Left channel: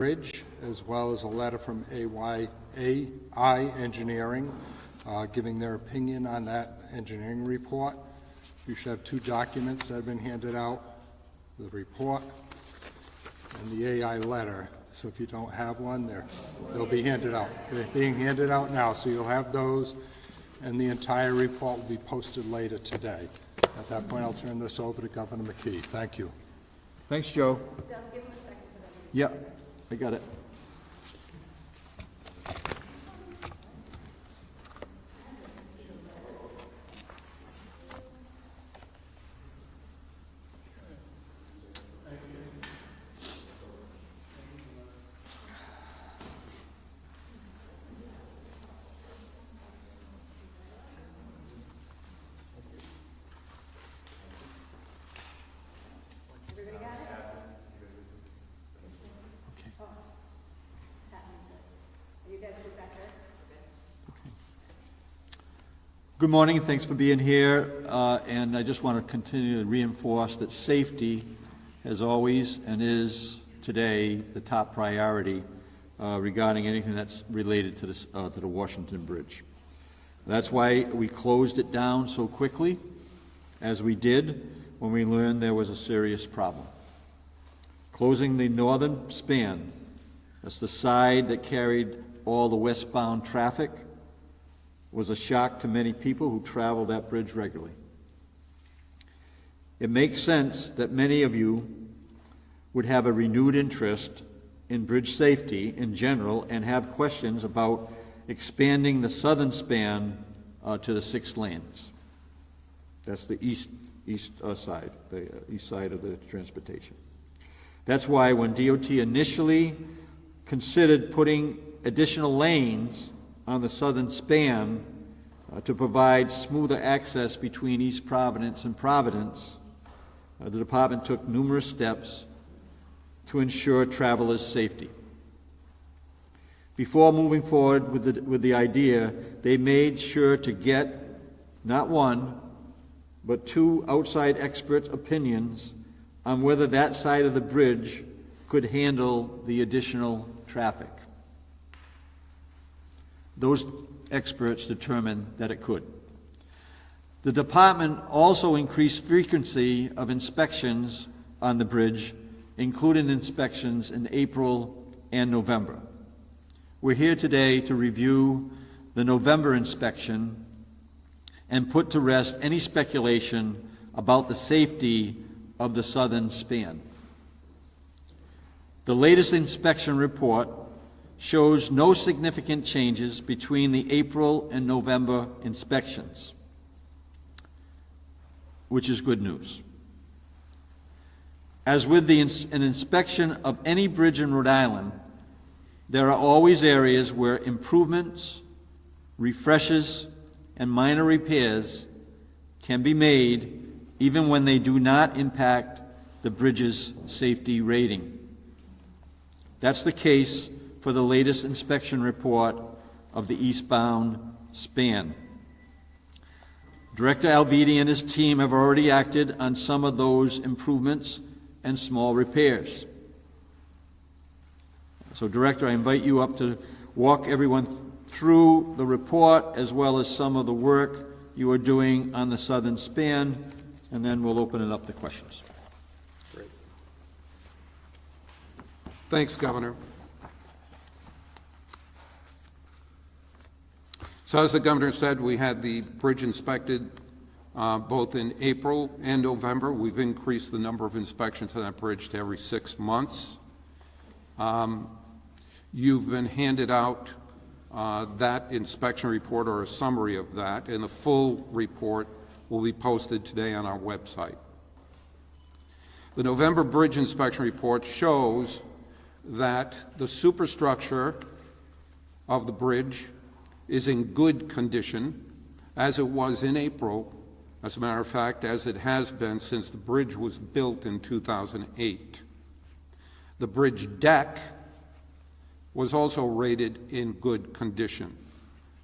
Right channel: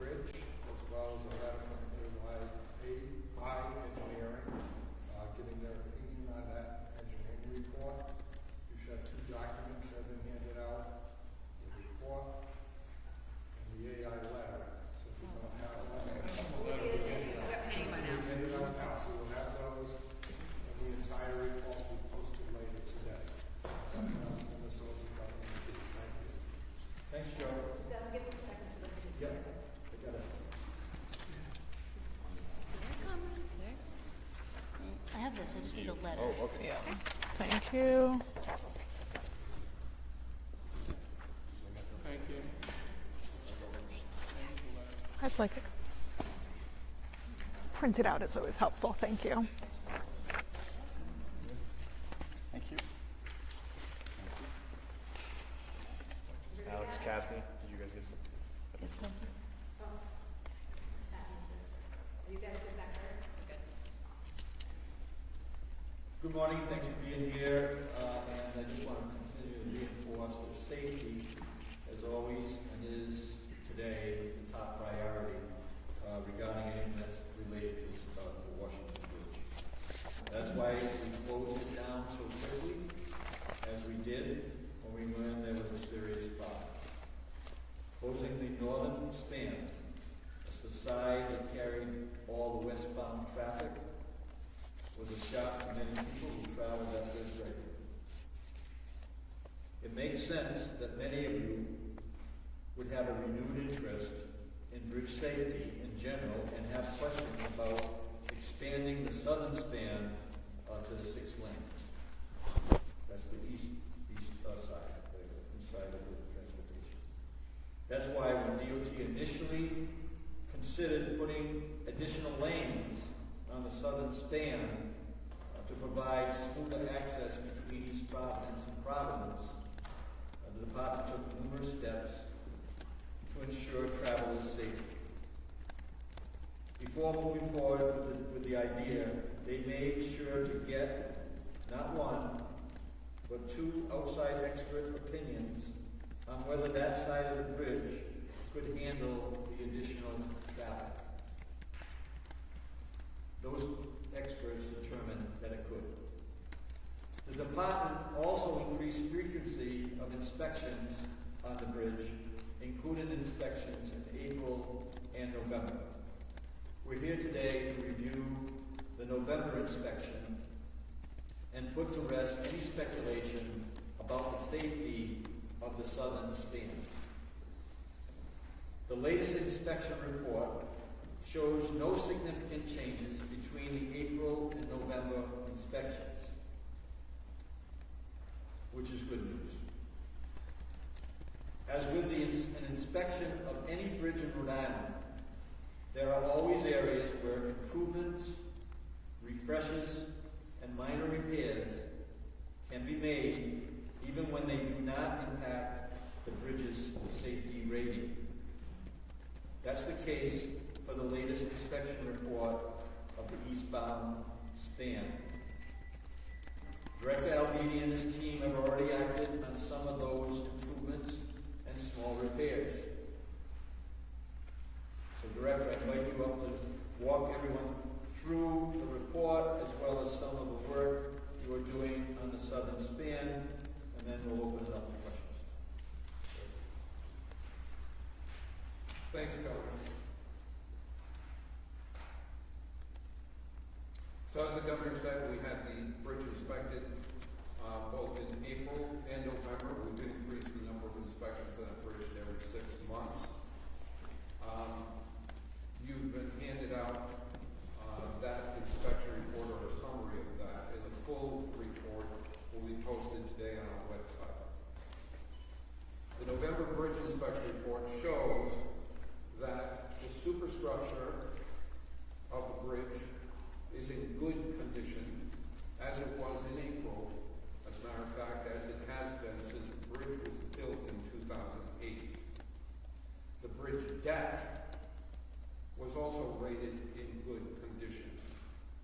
Bridge, as well as a letter from AI Engineering, giving their opinion on that engineering report. You should have two documents that have been handed out, the report and the AI letter. So if you don't have one, they'll be handed out. They're being handed out now, so you'll have those, and the entire report will be posted later today. At that point, I'll turn this over to Governor McKee. Thank you. Thanks, Joe. Yep, I got it. I have this, I just need a letter. Oh, okay. Thank you. I'd like printed out is always helpful. Thank you. Thank you. Alex, Kathy, did you guys get them? Are you guys good back there? Good morning, thanks for being here. And I just want to continue to reinforce that safety has always and is today the top priority regarding anything that's related to this to the Washington Bridge. That's why we closed it down so quickly as we did when we learned there was a serious problem. Closing the northern span, that's the side that carried all the westbound traffic, was a shock to many people who travel that bridge regularly. It makes sense that many of you would have a renewed interest in bridge safety in general and have questions about expanding the southern span to the 6 lanes. That's the east side, the east side of the transportation. That's why when DOT initially considered putting additional lanes on the southern span to provide smoother access between East Providence and Providence, the department took numerous steps to ensure travelers' safety. Before moving forward with the idea, they made sure to get not one, but 2 outside expert opinions on whether that side of the bridge could handle the additional traffic. Those experts determined that it could. The department also increased frequency of inspections on the bridge, including inspections in April and November. We're here today to review the November inspection and put to rest any speculation about the safety of the southern span. The latest inspection report shows no significant changes between the April and November inspections, which is good news. As with an inspection of any bridge in Rhode Island, there are always areas where improvements, refreshes, and minor repairs can be made even when they do not impact the bridge's safety rating. That's the case for the latest inspection report of the eastbound span. Director Alviti and his team have already acted on some of those improvements and small repairs. So, Director, I invite you up to walk everyone through the report as well as some of the work you are doing on the southern span, and then we'll open it up to questions. Great. Thanks, Governor. So as the Governor said, we had the bridge inspected both in April and November. We've increased the number of inspections on that bridge to every 6 months. You've been handed out that inspection report or a summary of that, and the full report will be posted today on our website. The November bridge inspection report shows that the superstructure of the bridge is in good condition, as it was in April, as a matter of fact, as it has been since the bridge was built in 2008. The bridge deck was also rated in good condition,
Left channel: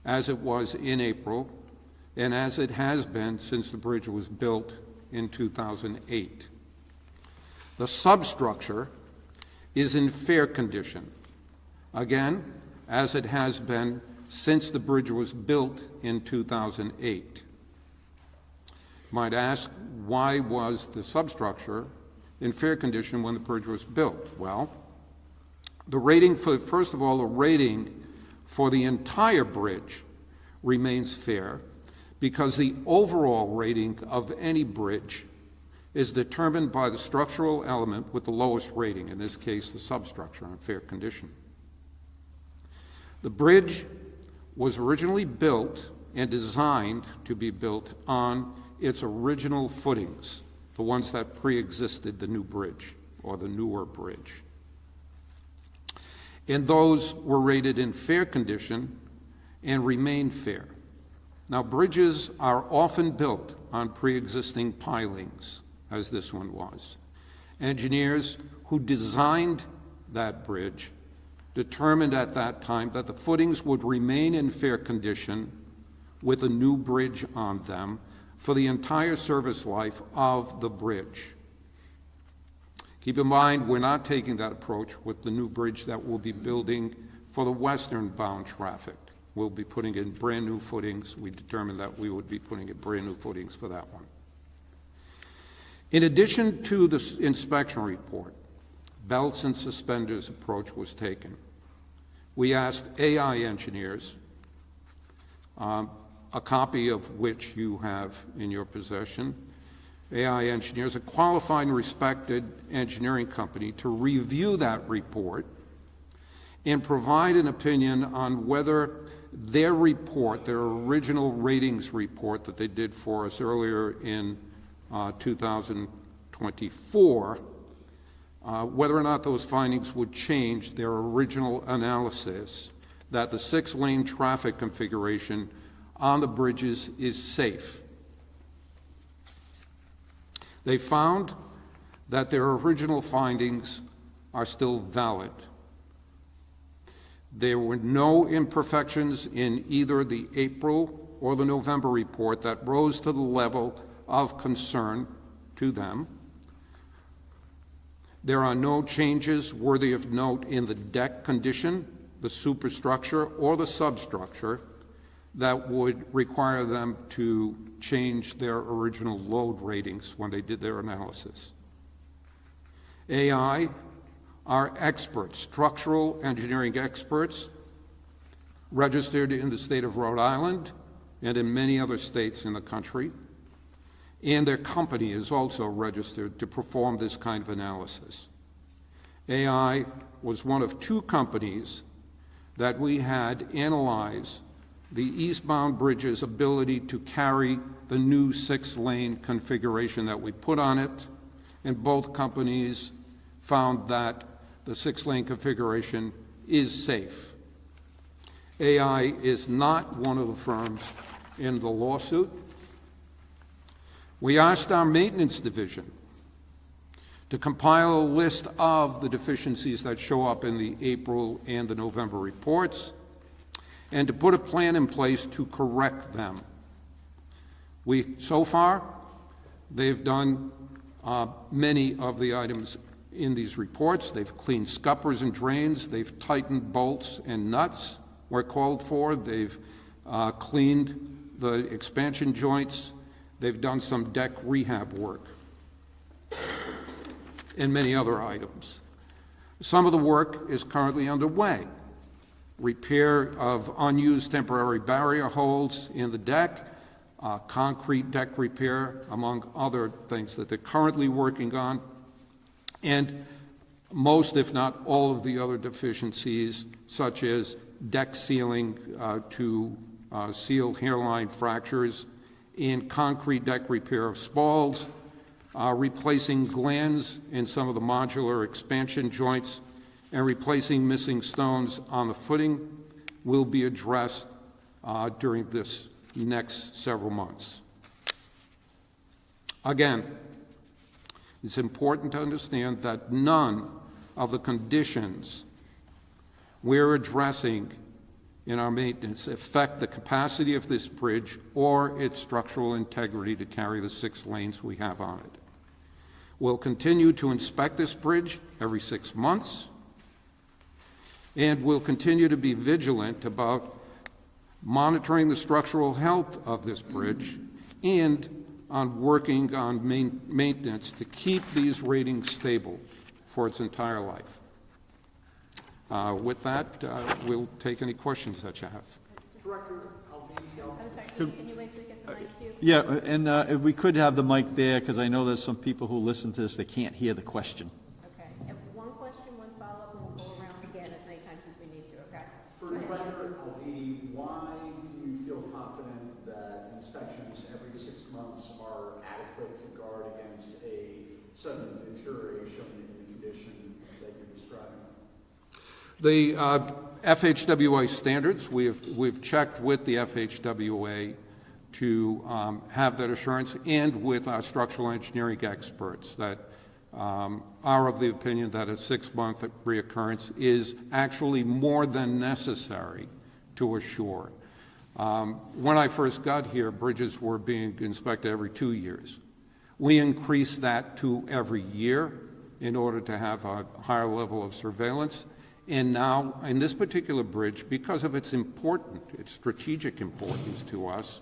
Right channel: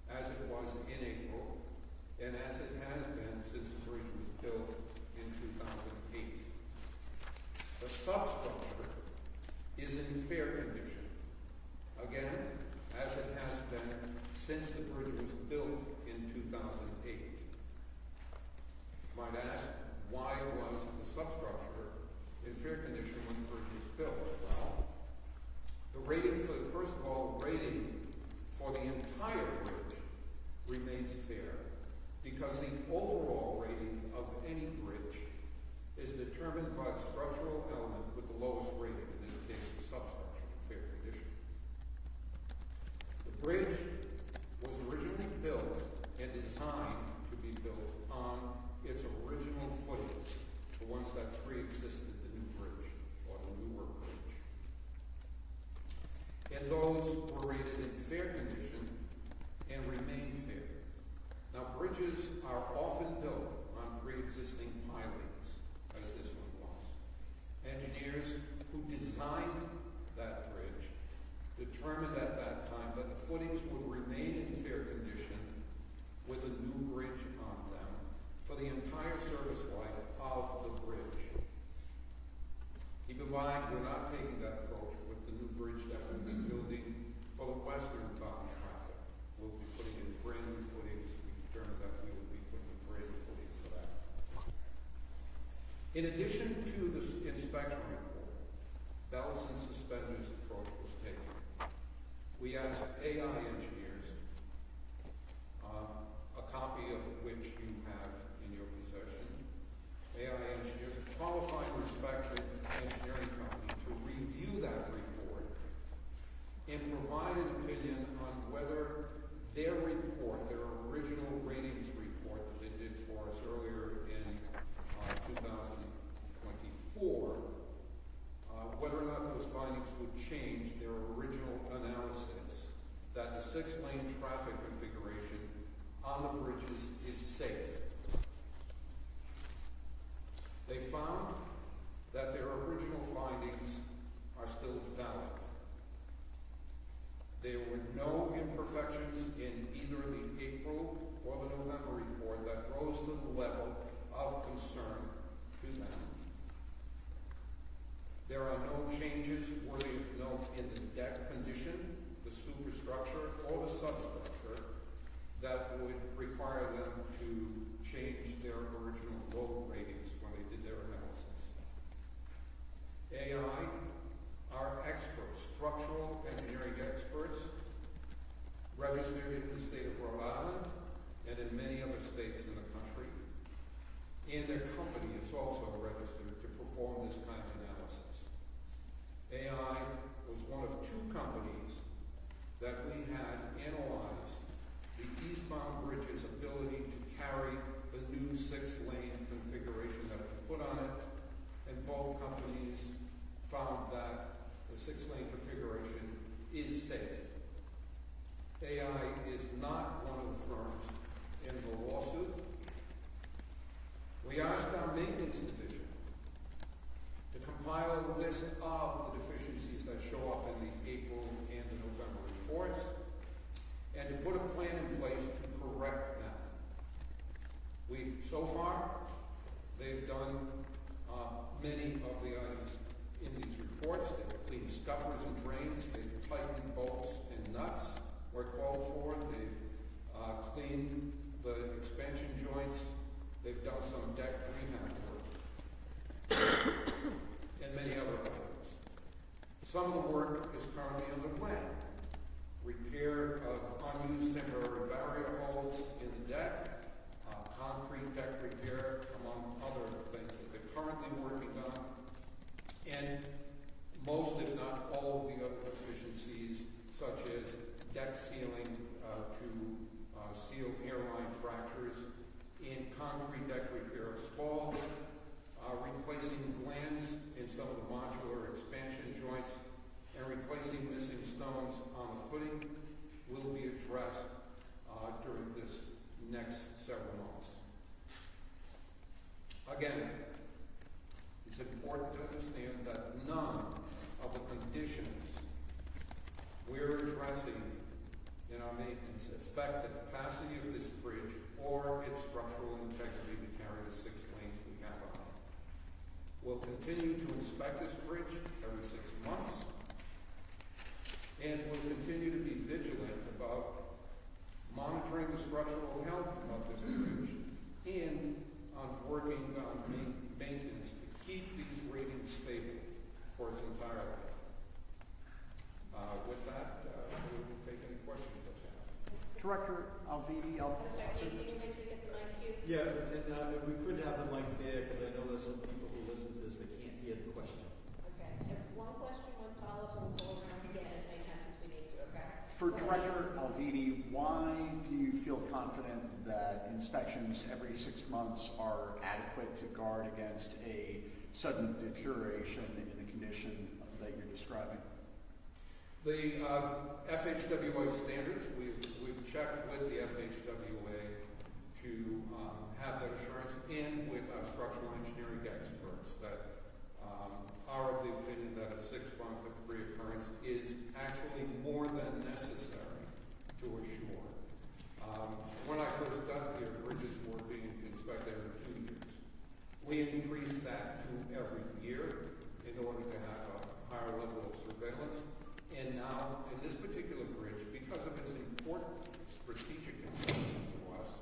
as it was in April, and as it has been since the bridge was built in 2008. The substructure is in fair condition, again, as it has been since the bridge was built in 2008. Might ask, why was the substructure in fair condition when the bridge was built? Well, the rating for, first of all, the rating for the entire bridge remains fair because the overall rating of any bridge is determined by the structural element with the lowest rating, in this case, the substructure in fair condition. The bridge was originally built and designed to be built on its original footings, the ones that pre-existed the new bridge or the newer bridge. And those were rated in fair condition and remain fair. Now, bridges are often built on pre-existing pilings, as this one was. Engineers who designed that bridge determined at that time that the footings would remain in fair condition with a new bridge on them for the entire service life of the bridge. Keep in mind, we're not taking that approach with the new bridge that we'll be building for the western-bound traffic. We'll be putting in brand-new footings. We determined that we would be putting in brand-new footings for that one. In addition to the inspection report, belts and suspenders approach was taken. We asked AI engineers, a copy of which you have in your possession, AI engineers, a qualified and respected engineering company, to review that report and provide an opinion on whether their report, their original ratings report that they did for us earlier in 2024, whether or not those findings would change their original analysis that the 6-lane traffic configuration on the bridges is safe. They found that their original findings are still valid. There were no imperfections in either the April or the November report that rose to the level of concern to them. There are no changes worthy of note in the deck condition, the superstructure, or the substructure that would require them to change their original load ratings when they did their analysis. AI are experts, structural engineering experts, registered in the state of Rhode Island and in many other states in the country, and their company is also registered to perform this kind of analysis. AI was one of 2 companies that we had analyze the eastbound bridge's ability to carry the new 6-lane configuration that we put on it, and both companies found that the 6-lane configuration is safe. AI is not one of the firms in the lawsuit. We asked our maintenance division to compile a list of the deficiencies that show up in the April and the November reports, and to put a plan in place to correct them. So far, they've done many of the items in these reports. They've cleaned scuppers and drains. They've tightened bolts and nuts where called for. They've cleaned the expansion joints. They've done some deck rehab work and many other items. Some of the work is currently underway. Repair of unused temporary barrier holes in the deck, concrete deck repair, among other things that they're currently working on, and most, if not all, of the other deficiencies, such as deck sealing to seal hairline fractures, and concrete deck repair of spalls, replacing glands in some of the modular expansion joints, and replacing missing stones on the footing will be addressed during this next several months. Again, it's important to understand that none of the conditions we're addressing in our maintenance affect the capacity of this bridge or its structural integrity to carry the 6 lanes we have on it. We'll continue to inspect this bridge every 6 months, and we'll continue to be vigilant about monitoring the structural health of this bridge and on working on maintenance to keep these ratings stable for its entire life. With that, we'll take any questions that you have. I'm sorry, can you wait till we get the mic to you? Yeah, and if we could have the mic there, because I know there's some people who listen to this, they can't hear the question. Okay, and one question, one follow-up, and we'll go around again as many times as we need to, okay? For Director Alvidi, why do you feel confident that inspections every 6 months are adequate to guard against a sudden deterioration in the condition that you're describing? The FHWA standards, we've checked with the FHWA to have that assurance, and with our structural engineering experts that are of the opinion that a 6-month reoccurrence is actually more than necessary to assure. When I first got here, bridges were being inspected every 2 years. We increased that to every year in order to have a higher level of surveillance. And now, in this particular bridge, because of its strategic importance to us,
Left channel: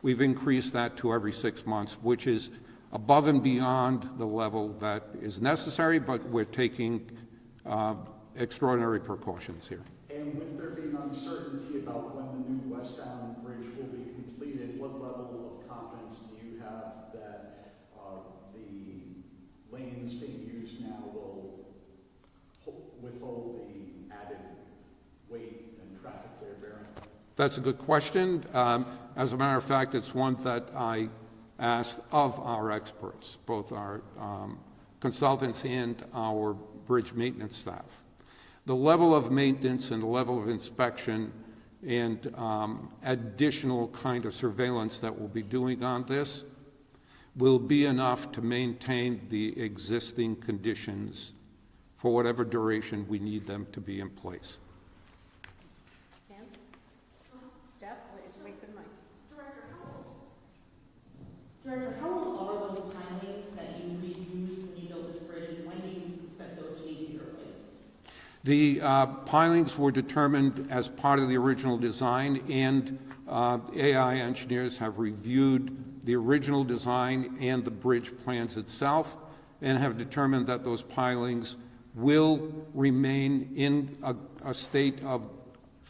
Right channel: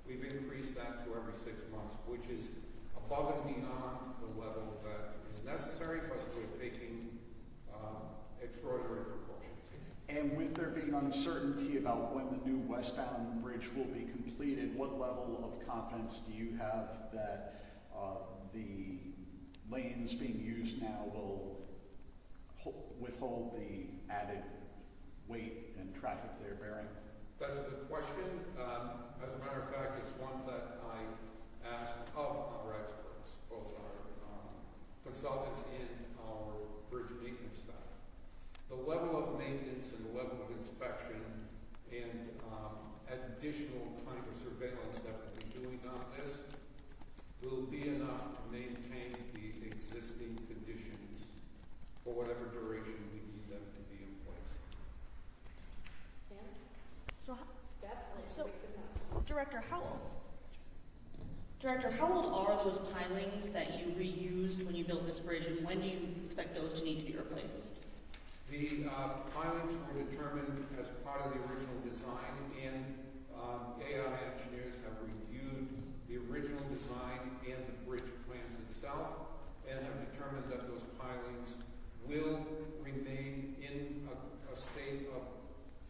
we've increased that to every 6 months, which is above and beyond the level that is necessary, but we're taking extraordinary precautions here. And with there being uncertainty about when the new westbound bridge will be completed, what level of confidence do you have that the lanes being used now will withhold the added weight and traffic they're bearing? That's a good question. As a matter of fact, it's one that I asked of our experts, both our consultants and our bridge maintenance staff. The level of maintenance and the level of inspection and additional kind of surveillance that we'll be doing on this will be enough to maintain the existing conditions for whatever duration we need them to be in place. Pam? So, Step, so, wait for the mic. Director, how old are those pilings that you reused when you built this bridge, and when do you expect those to need to be replaced? The pilings were determined as part of the original design, and AI engineers have reviewed the original design and the bridge plans itself, and have determined that those pilings will remain in a state of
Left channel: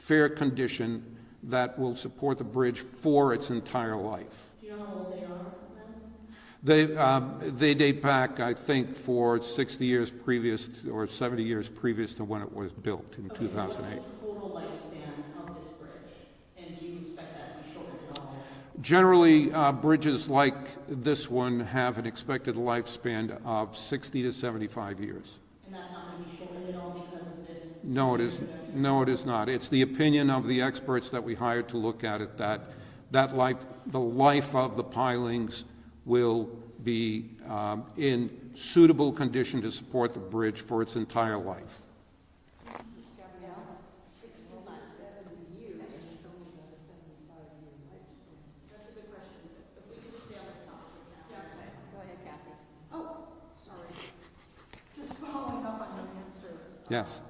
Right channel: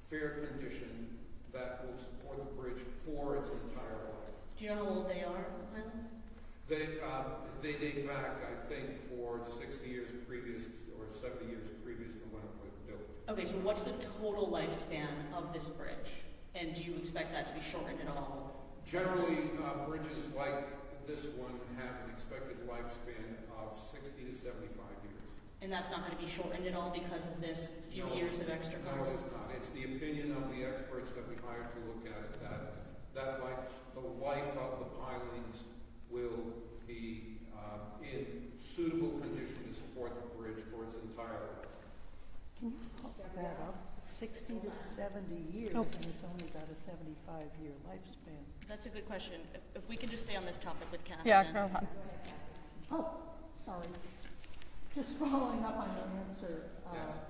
fair condition that will support the bridge for its entire life. Do you know how old they are, pilings? They date back, I think, for 60 years previous, or 70 years previous to when it was built in 2008. So what's the total lifespan of this bridge? And do you expect that to be shortened at all? Generally, bridges like this one have an expected lifespan of 60 to 75 years. And that's not going to be shortened at all because of this? No, it is. No, it is not. It's the opinion of the experts that we hired to look at it that the life of the pilings will be in suitable condition to support the bridge for its entire life. 60 to 70 years, and it's only got a 75-year lifespan. That's a good question. If we can just stay on this topic with Catherine. Yeah, go ahead. Oh, sorry. Just following up on your answer. Yes.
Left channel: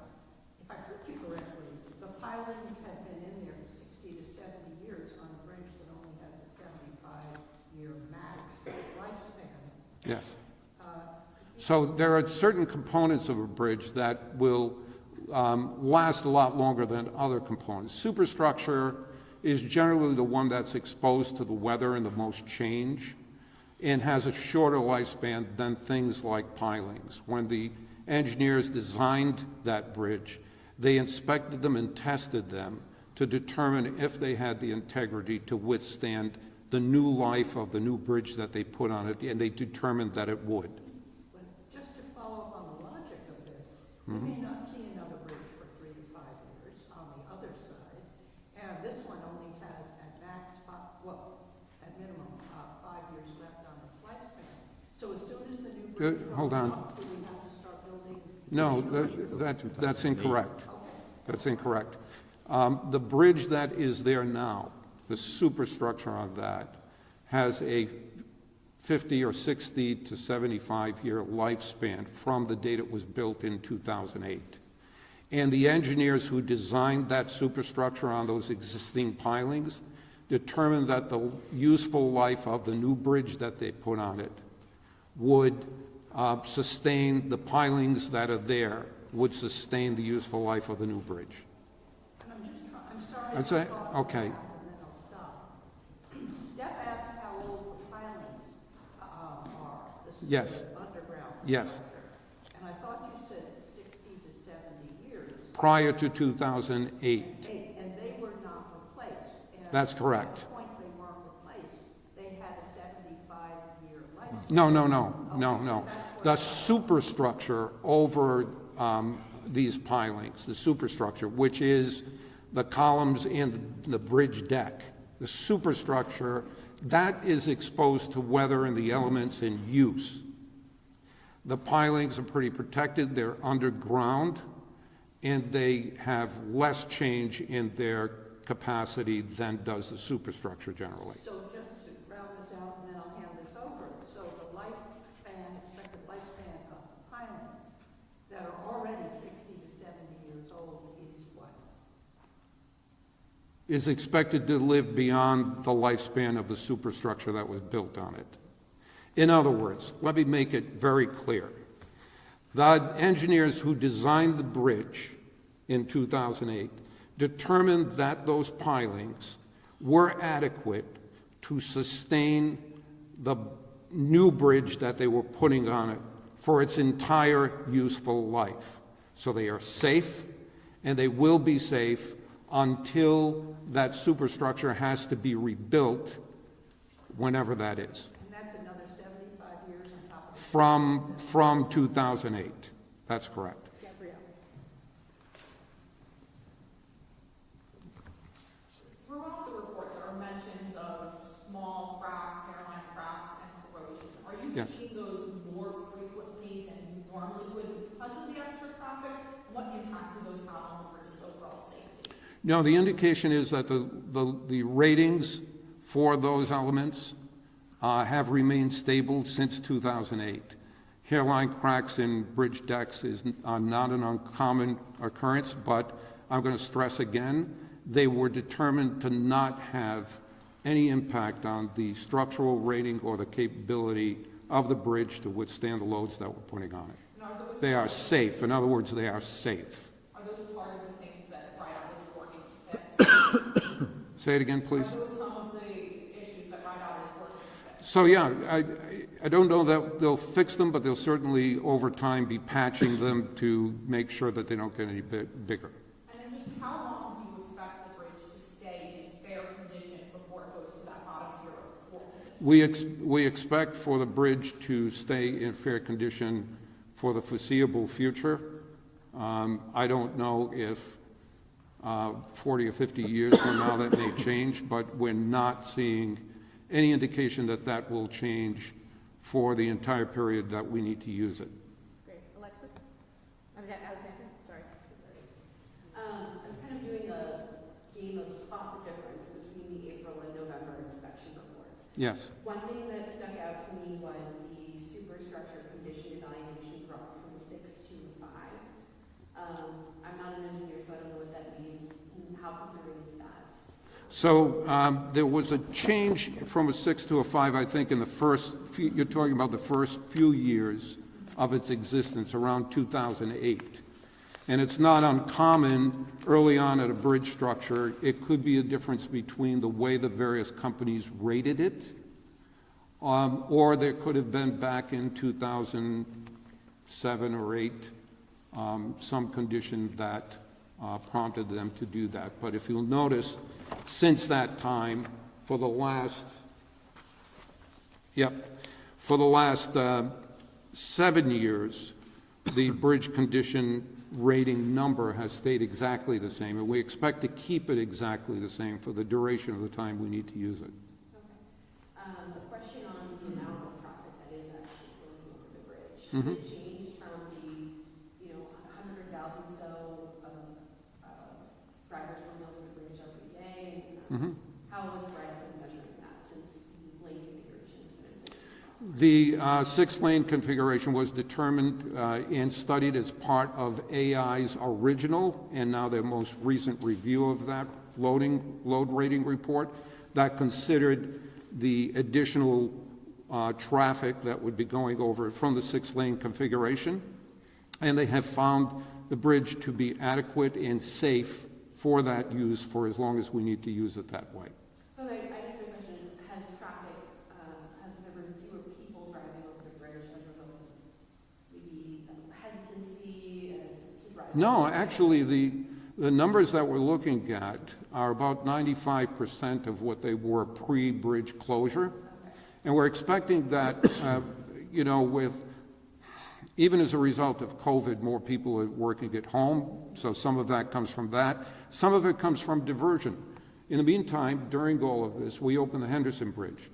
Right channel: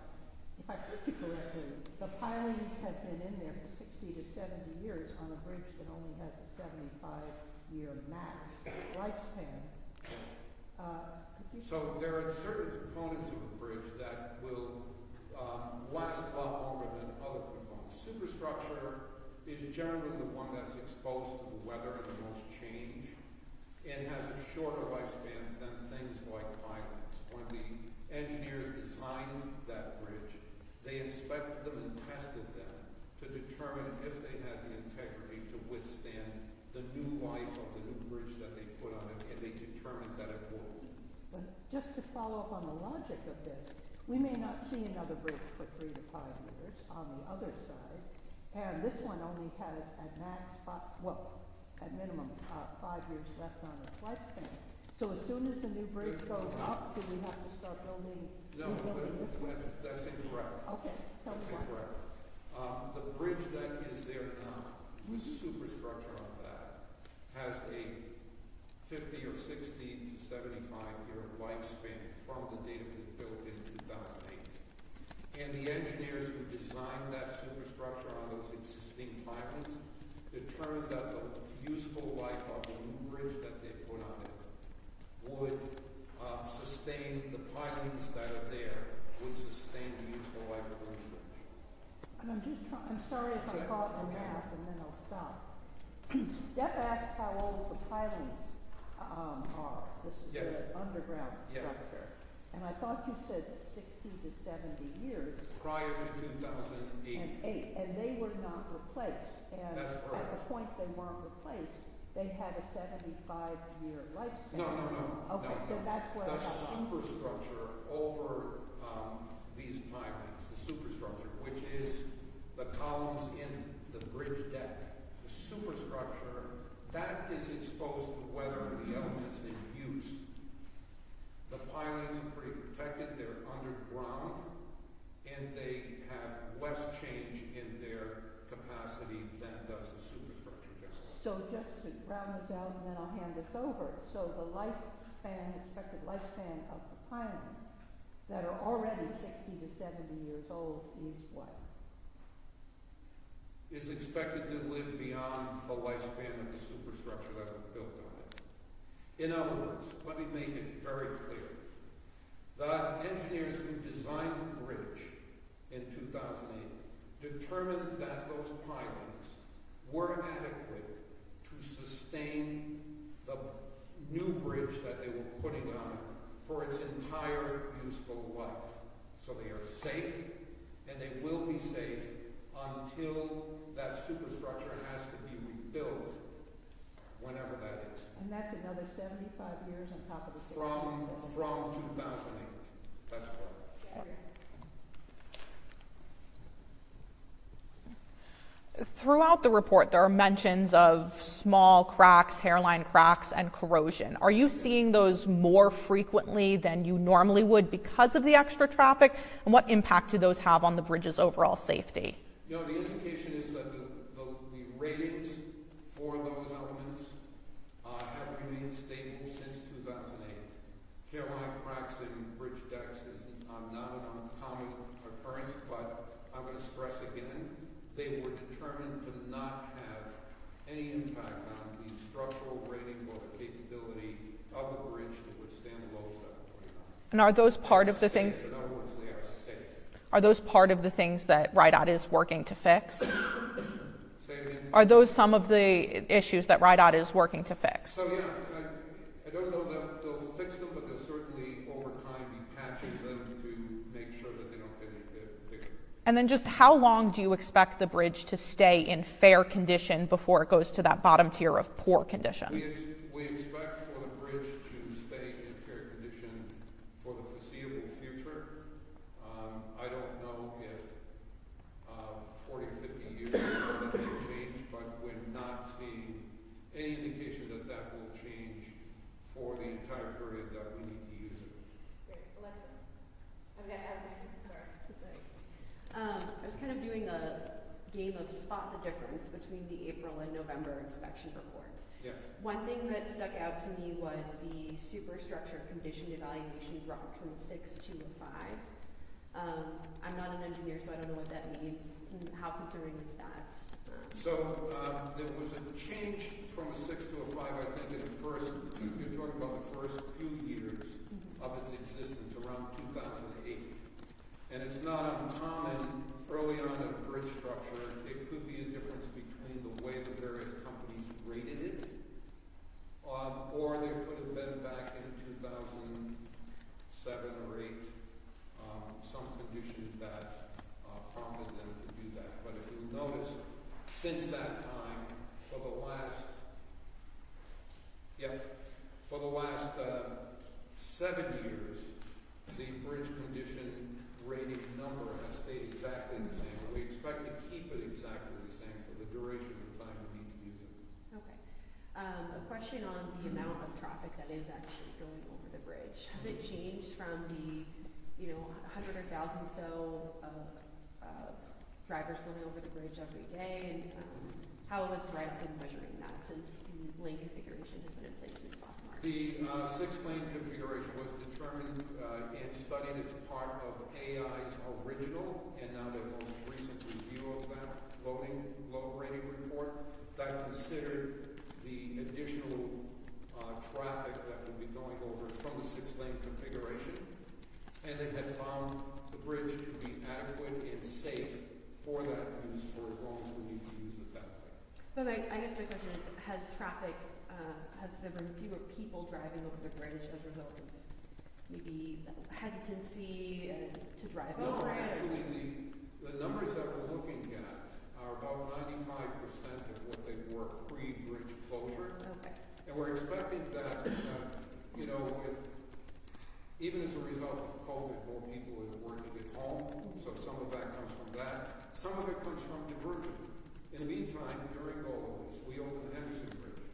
If I heard you correctly, the pilings have been in there for 60 to 70 years on a bridge that only has a 75-year max lifespan. Yes. So there are certain components of a bridge that will last a lot longer than other components. Superstructure is generally the one that's exposed to the weather and the most change, and has a shorter lifespan than things like pilings. When the engineers designed that bridge, they inspected them and tested them to determine if they had the integrity to withstand the new life of the new bridge that they put on it, and they determined that it would. But just to follow up on the logic of this, we may not see another bridge for 3 to 5 years on the other side, and this one only has at minimum 5 years left on its lifespan. So as soon as the new bridge Hold goes on. up, do we have to start building? No, that's incorrect. Okay. That's incorrect. The bridge that is there now, the superstructure on that, has a 50 or 60 to 75-year lifespan from the date it was built in 2008. And the engineers who designed that superstructure on those existing pilings determined that the useful life of the new bridge that they put on it would sustain, the pilings that are there would sustain the useful life of the new bridge. And I'm sorry That's if I'm it? talking Okay. enough, and then I'll stop. Steph asked how old the pilings are. This is Yes. the underground Yes. structure. And I thought you said 60 to 70 years. Prior to 2008. And they were not replaced. And That's correct. At the point they weren't replaced, they had a 75-year lifespan. No. Okay, The that's what superstructure over these pilings, the superstructure, which is the columns and the bridge deck, the superstructure, that is exposed to weather and the elements in use. The pilings are pretty protected, they're underground, and they have less change in their capacity than does the superstructure generally. So just to round this out, and then I'll hand this over. So the lifespan, expected lifespan of the pilings that are already 60 to 70 years old is what? Is expected to live beyond the lifespan of the superstructure that was built on it. In other words, let me make it very clear. The engineers who designed the bridge in 2008 determined that those pilings were adequate to sustain the new bridge that they were putting on it for its entire useful life. So they are safe, and they will be safe until that superstructure has to be rebuilt, whenever that is. And that's another 75 years on top of the... From 2008. That's correct. Throughout the report, there are mentions of small cracks, hairline cracks, and corrosion. Are you Yes. seeing those more frequently than you normally would because of the extra traffic? And what impact do those have on the bridge's overall safety? No, the indication is that the ratings for those elements have remained stable since 2008. Hairline cracks in bridge decks are not an uncommon occurrence, but I'm going to stress again, they were determined to not have any impact on the structural rating or the capability of the bridge to withstand the loads that we're putting on it. And are those They part are of the safe. things? In other words, they are safe. Are those part of the things that RIDOT is working to fix? Say it again, please. Are those some of the issues that RIDOT is working to fix? So yeah, I don't know that they'll fix them, but they'll certainly over time be patching them to make sure that they don't get any bigger. And then just how long do you expect the bridge to stay in fair condition before it goes to that bottom tier of poor condition? We expect for the bridge to stay in fair condition for the foreseeable future. I don't know if 40 or 50 years from now that may change, but we're not seeing any indication that that will change for the entire period that we need to use it. Great. Alexa? Alexandra, sorry. I was kind of doing a game of spot the difference between the April and November inspection reports. Yes. One thing that stuck out to me was the superstructure condition evaluation dropped from a 6 to a 5. I'm not an engineer, so I don't know what that means. How concerning is that? So there was a change from a 6 to a 5, I think, in the first few, you're talking about the first few years of its existence, around 2008. And it's not uncommon early on at a bridge structure, it could be a difference between the way the various companies rated it, or there could have been back in 2007 or 8, some condition that prompted them to do that. But if you'll notice, since that time, for the last 7 years, the bridge condition rating number has stayed exactly the same, and we expect to keep it exactly the same for the duration of the time we need to use it. Okay. A question on the amount of traffic that is actually going over the bridge. Has Mhm. it changed from the, 100,000 so drivers going over the bridge every day? And Mhm. how was RIDOT measuring that since the lane configuration has been in place? The six-lane configuration was determined and studied as part of AI's original and now their most recent review of that load rating report that considered the additional traffic that would be going over from the six-lane configuration. And they have found the bridge to be adequate and safe for that use for as long as we need to use it that way. But I guess my question is, has traffic, has there been fewer people driving over the bridge as a result of maybe hesitancy to drive? No, actually, the numbers that we're looking at are about 95% of what they were pre-bridge closure. Okay. And we're expecting that, you know, with, even as a result of COVID, more people are working at home, so some of that comes from that. Some of it comes from diversion. In the meantime, during all of this, we opened the Henderson Bridge,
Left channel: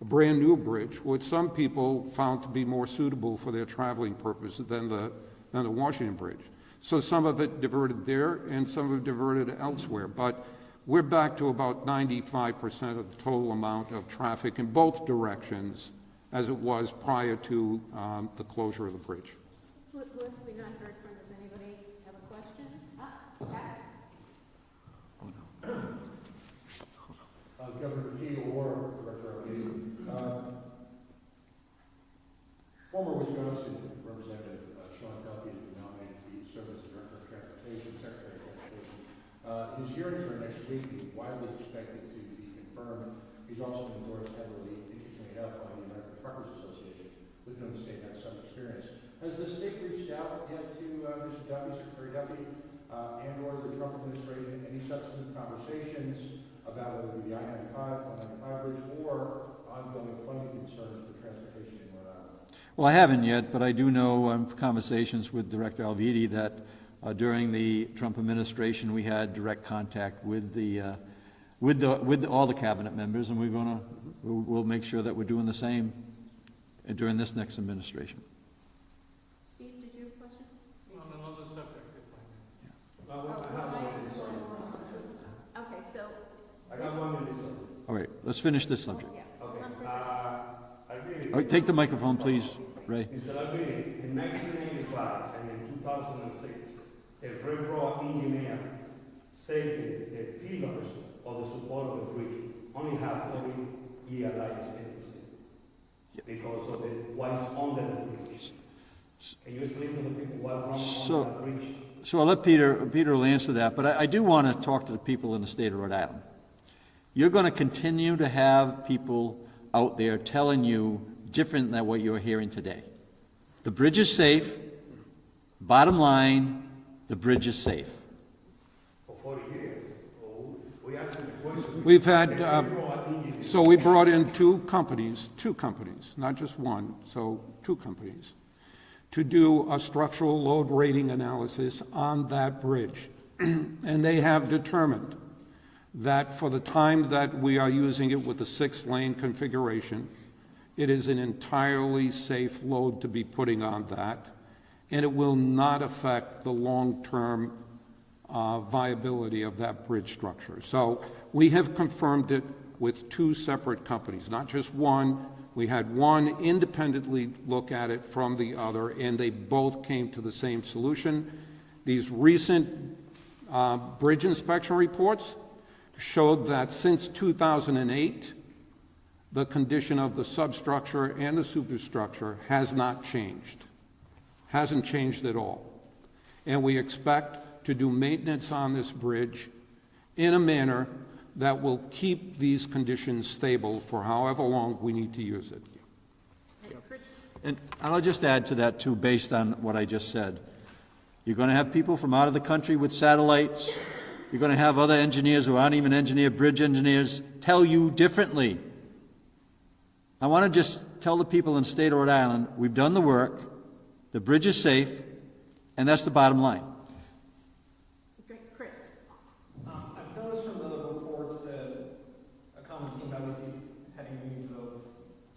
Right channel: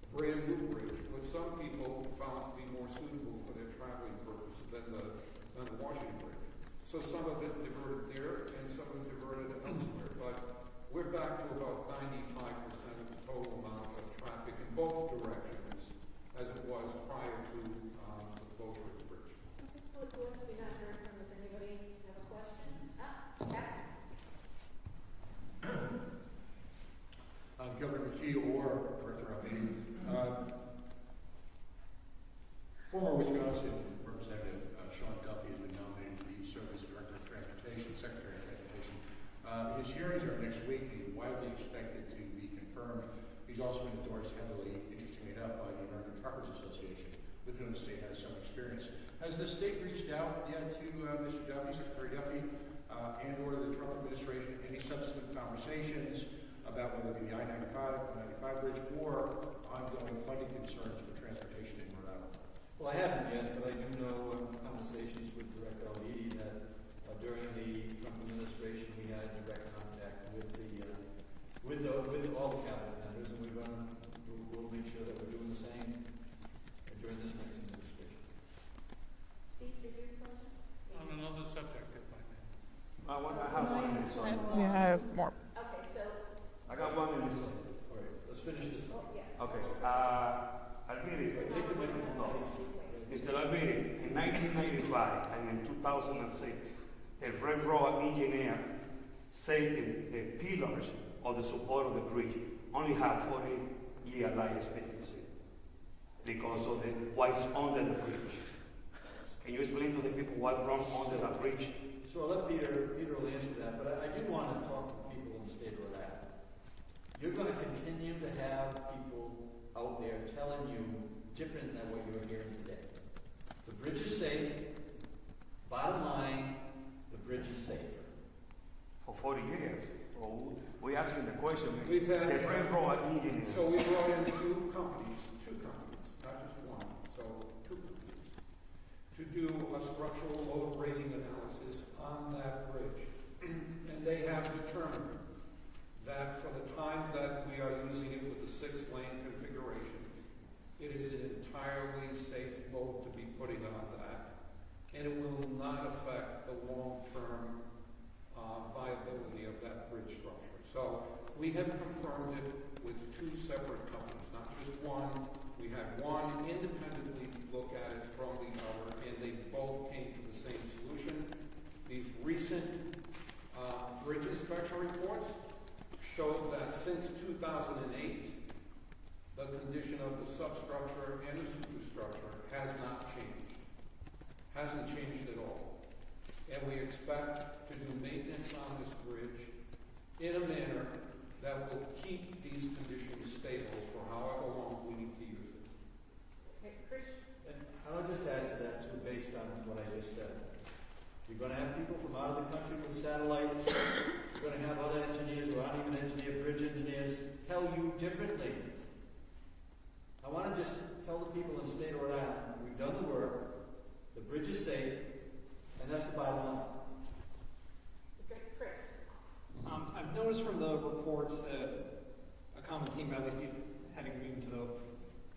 a brand-new bridge, which some people found to be more suitable for their traveling purposes than the Washington Bridge. So some of it diverted there, and some of it diverted elsewhere. But we're back to about 95% of the total amount of traffic in both directions as it was prior to the closure of the bridge. What have we not heard from? Does anybody have a question? Governor McKee or Director Alvey. Former Wisconsin Representative Sean Duffy has been nominated to serve as Director of Transportation, Secretary of Transportation. His hearings are next week. He's widely expected to be confirmed. He's also been endorsed heavily, interestingly enough, by the American Truckers Association, with whom the state has some experience. Has the state reached out yet to Mr. Duffy, Secretary Duffy, and/or the Trump administration, any substantive conversations about whether it be the I-95 bridge or ongoing funding concerns for transportation in Rhode Island? Well, I haven't yet, but I do know conversations with Director Alvidi that during the Trump administration we had direct contact with all the cabinet members, and we'll make sure that we're doing the same during this next administration. Steve, did you have a question? On another subject, if I may. I have one minute. Yeah, I have more. Okay, so. I got 1 minute. All right, let's finish this subject. Okay. Albini. All right, take the microphone, please, Ray. Mr. Albini, in 1995 and in 2006, a railroad engineer said the pillars of the support of the bridge only have 40-year life expectancy because of what's under the bridge. Can you explain to the people what wrong on the bridge? So I'll let Peter will answer that, but I do want to talk to the people in the state of Rhode Island. You're going to continue to have people out there telling you different than what you're hearing today. The bridge is safe. Bottom line, the bridge is safe. For 40 years. We asked the question. We've had, so we brought in two companies, not just one, so two companies, to do a structural load rating analysis on that bridge. And they have determined that for the time that we are using it with the 6-lane configuration, it is an entirely safe load to be putting on that, and it will not affect the long-term viability of that bridge structure. So we have confirmed it with two separate companies, not just one. We had one independently look at it from the other, and they both came to the same solution. These recent bridge inspection reports showed that since 2008, the condition of the substructure and the superstructure has not changed. Hasn't changed at all. And we expect to do maintenance on this bridge in a manner that will keep these conditions stable for however long we need to use it. And I'll just add to that too, based on what I just said. You're going to have people from out of the country with satellites. You're going to have other engineers who aren't even bridge engineers, tell you differently. I want to just tell the people in the state of Rhode Island, we've done the work, the bridge is safe, and that's the bottom line. Okay, Chris. I've noticed from the reports that a common theme, at least having been to the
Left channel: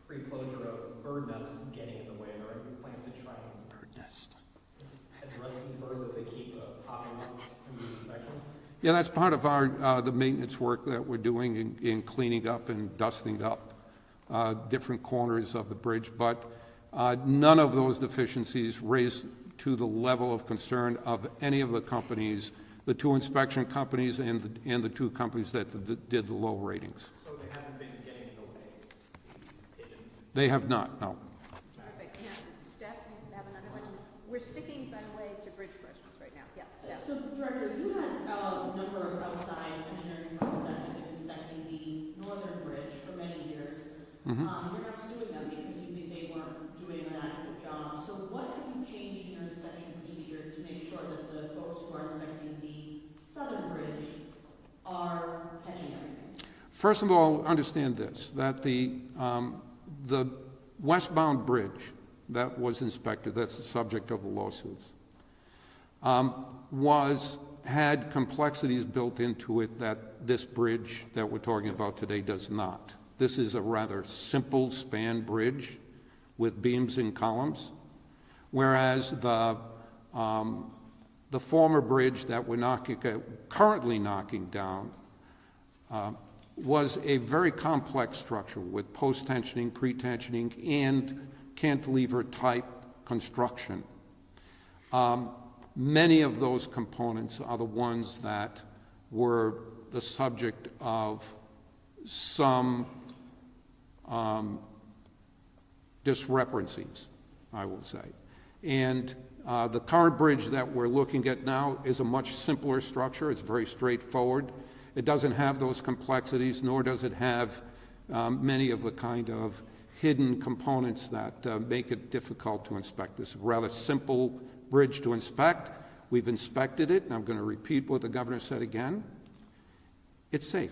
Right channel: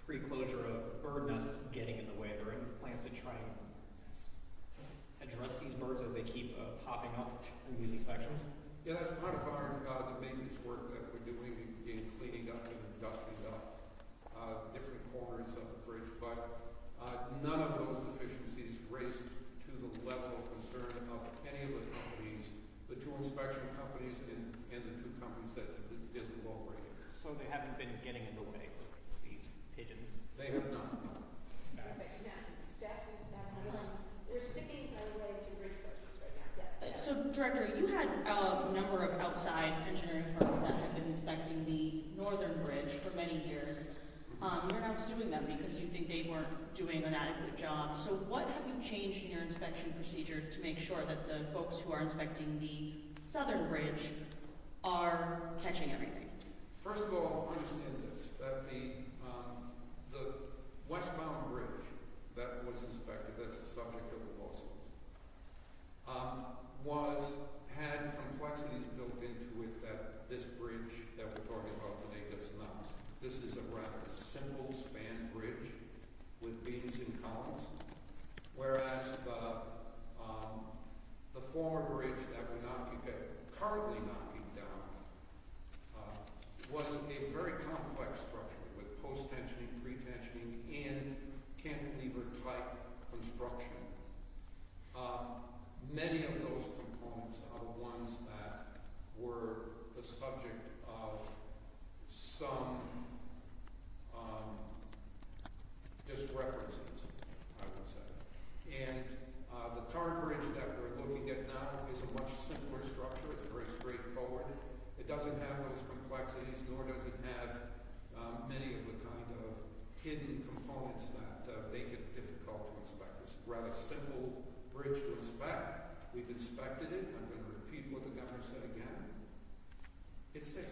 pre-closure of bird nests getting in the way. Are there any plans to try and address these birds as they keep popping up in these inspections? Yeah, that's part of our the maintenance work that we're doing in cleaning up and dusting up different corners of the bridge, but none of those deficiencies raised to the level of concern of any of the companies, the two inspection companies and the two companies that did the low ratings. So they haven't been getting in the way with these pigeons? They have not, no. Perfect, yeah. Steph, you have another question? We're sticking, by the way, to bridge questions right now. Yeah. So, Director, you had a number of outside engineering firms that have been inspecting the northern bridge for many years. Mhm. You're now suing them because you think they weren't doing an adequate job. So what have you changed in your inspection procedures to make sure that the folks who are inspecting the southern bridge are catching everything? First of all, understand this, that the westbound bridge that was inspected, that's the subject of the lawsuits, had complexities built into it that this bridge that we're talking about today does not. This is a rather simple span bridge with beams and columns, whereas the former bridge that we're currently knocking down was a very complex structure with post-tensioning, pre-tensioning, and cantilever-type construction. Many of those components are the ones that were the subject of some discrepancies, I will say. And the current bridge that we're looking at now is a much simpler structure. It's very straightforward. It doesn't have those complexities, nor does it have many of the kind of hidden components that make it difficult to inspect. This is a rather simple bridge to inspect. We've inspected it, and I'm going to repeat what the governor said again. It's safe.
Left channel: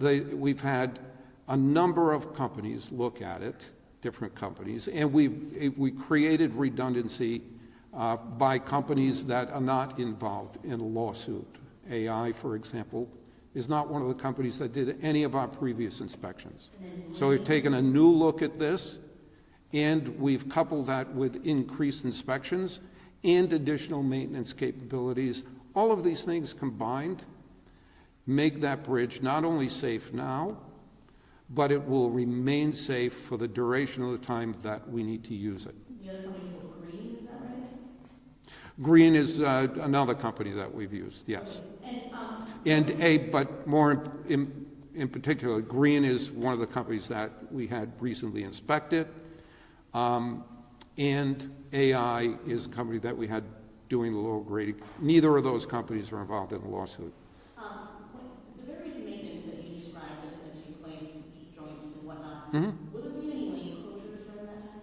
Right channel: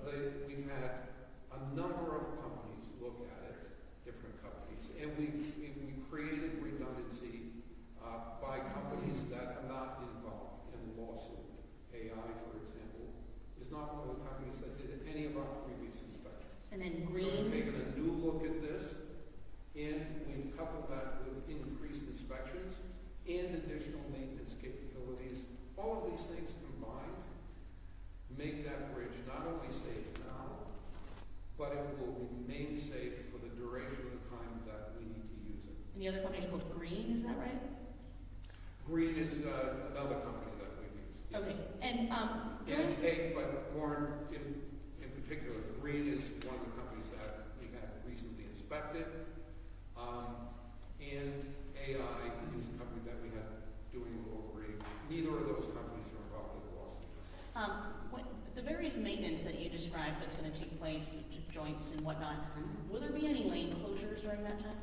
We've had a number of companies look at it, different companies, and we created redundancy by companies that are not involved in a lawsuit. AI, for example, is not one of the companies that did any of our previous inspections. So we've taken a new look at this, and we've coupled that with increased inspections and additional maintenance capabilities. All of these things combined make that bridge not only safe now, but it will remain safe for the duration of the time that we need to use it. The other company's called Green, is that right? Green is another company that we've used, yes. Okay. But more in particular, Green is one of the companies that we had recently inspected, and AI is a company that we had doing the low grading. Neither of those companies are involved in the lawsuit. The various maintenance that you described that's going to take place to joints and whatnot, Mhm. will there be any lane closures during that time?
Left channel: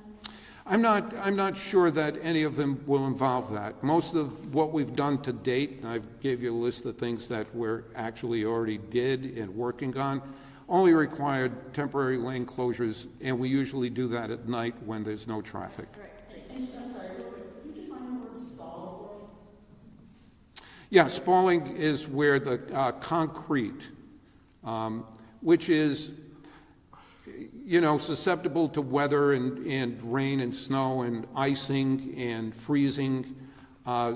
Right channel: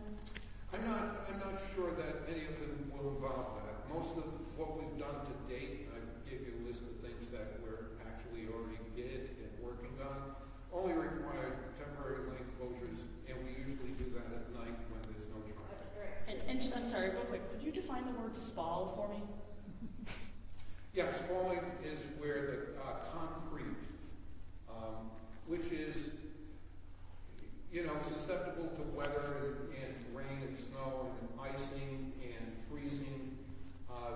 I'm not sure that any of them will involve that. Most of what we've done to date, and I gave you a list of things that we're actually already did and working on, only required temporary lane closures, and we usually do that at night when there's no traffic. And just, I'm sorry, real quick, could you define the word spall for me? Yeah, spalling is where the concrete, which is, susceptible to weather and rain and snow and icing and freezing,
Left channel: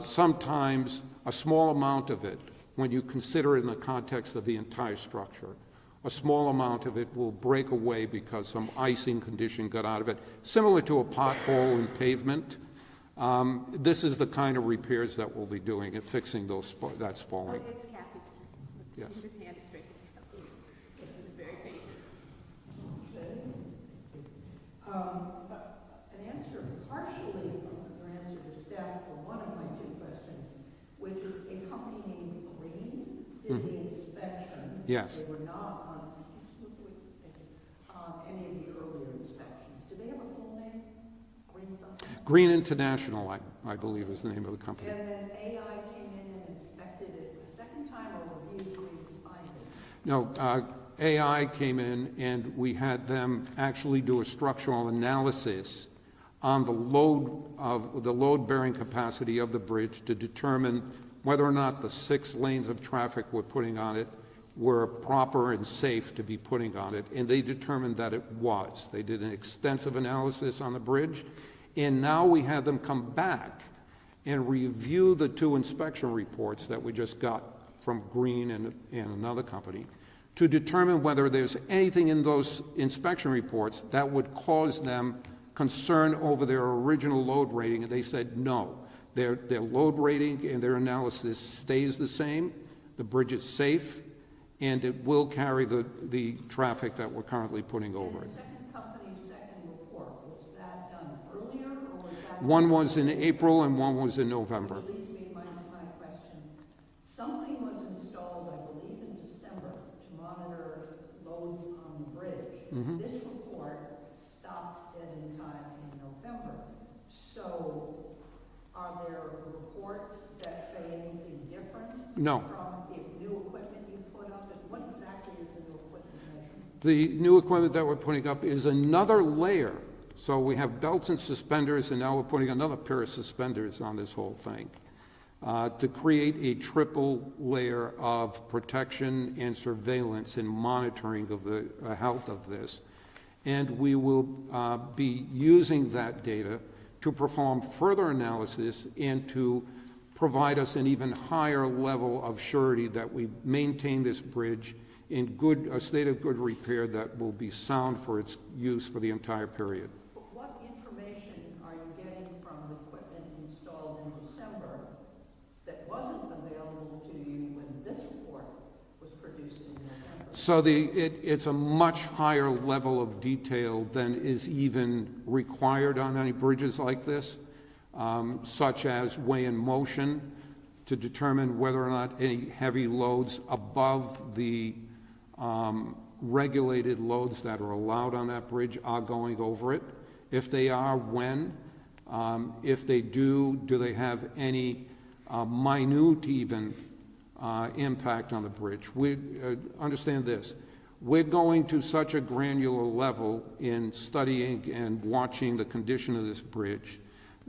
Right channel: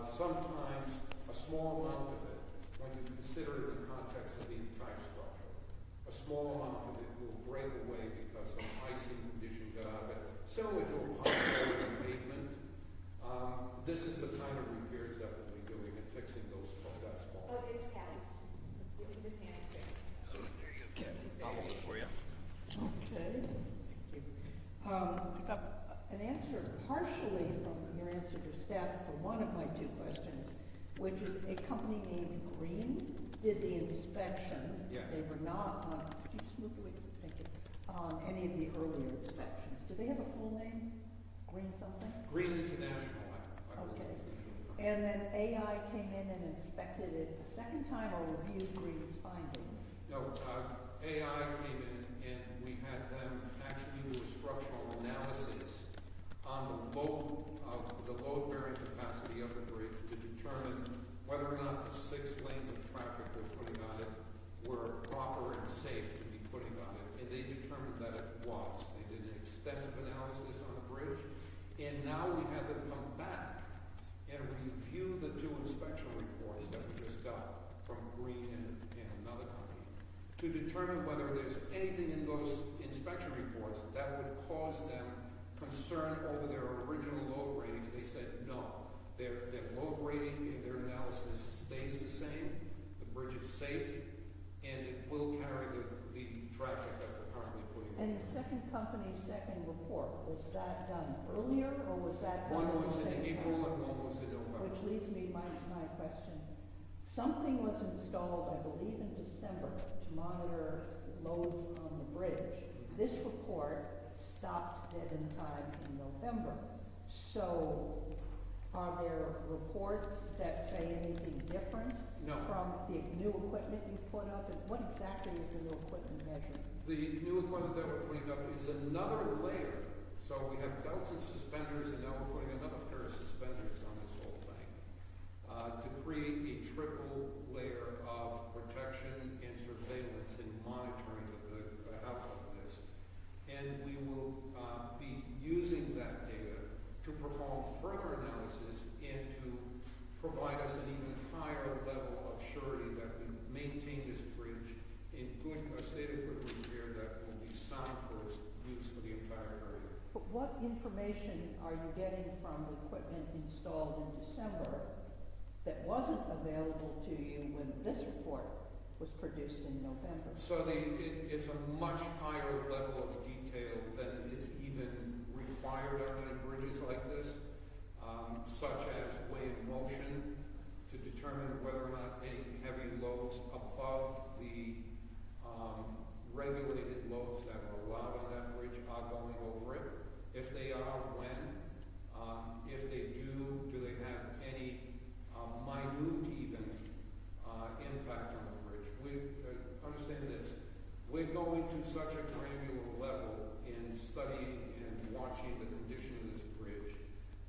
sometimes a small amount of it, when you consider it in the context of the entire structure, a small amount of it will break away because some icing condition got out of it, similar to a pothole in pavement. This is the kind of repairs that we'll be doing and fixing that spalling. Oh, it's Kathy's. Yes. Just hand it straight. An answer partially from your answer to staff for one of my two questions, which is a company named Green did the inspection. Yes. They were not on, could you move away? Thank you. On any of the earlier inspections. Do they have a full name? Green something? Green International, I believe, is the name of the company. And then AI came in and inspected it the second time or reviewed Green's findings? No, AI came in and we had them actually do a structural analysis on the load-bearing capacity of the bridge to determine whether or not the 6 lanes of traffic we're putting on it were proper and safe to be putting on it, and they determined that it was. They did an extensive analysis on the bridge, and now we have them come back and review the 2 inspection reports that we just got from Green and another company to determine whether there's anything in those inspection reports that would cause them concern over their original load rating, and they said no. Their load rating and their analysis stays the same, the bridge is safe, and it will carry the traffic that we're currently putting over And it. the second company's second report, was that done earlier, or was that? One was in April and one was in November. Which leads me to my question. Something was installed, I believe in December, to monitor loads on the bridge. Mhm. This report stopped dead in time in November. So are there reports that say anything different? No. From the new equipment you put up? And what exactly is the new equipment measuring? The new equipment that we're putting up is another layer. So we have belts and suspenders, and now we're putting another pair of suspenders on this whole thing to create a triple layer of protection and surveillance and monitoring of the health of this. And we will be using that data to perform further analysis and to provide us an even higher level of surety that we maintain this bridge in a state of good repair that will be sound for its use for the entire period. But what information are you getting from the equipment installed in December that wasn't available to you when this report was produced in November? So it's a much higher level of detail than is even required on any bridges like this, such as weigh in motion to determine whether or not any heavy loads above the regulated loads that are allowed on that bridge are going over it. If they are, when? If they do they have any minute even impact on the bridge? We understand this. We're going to such a granular level in studying and watching the condition of this bridge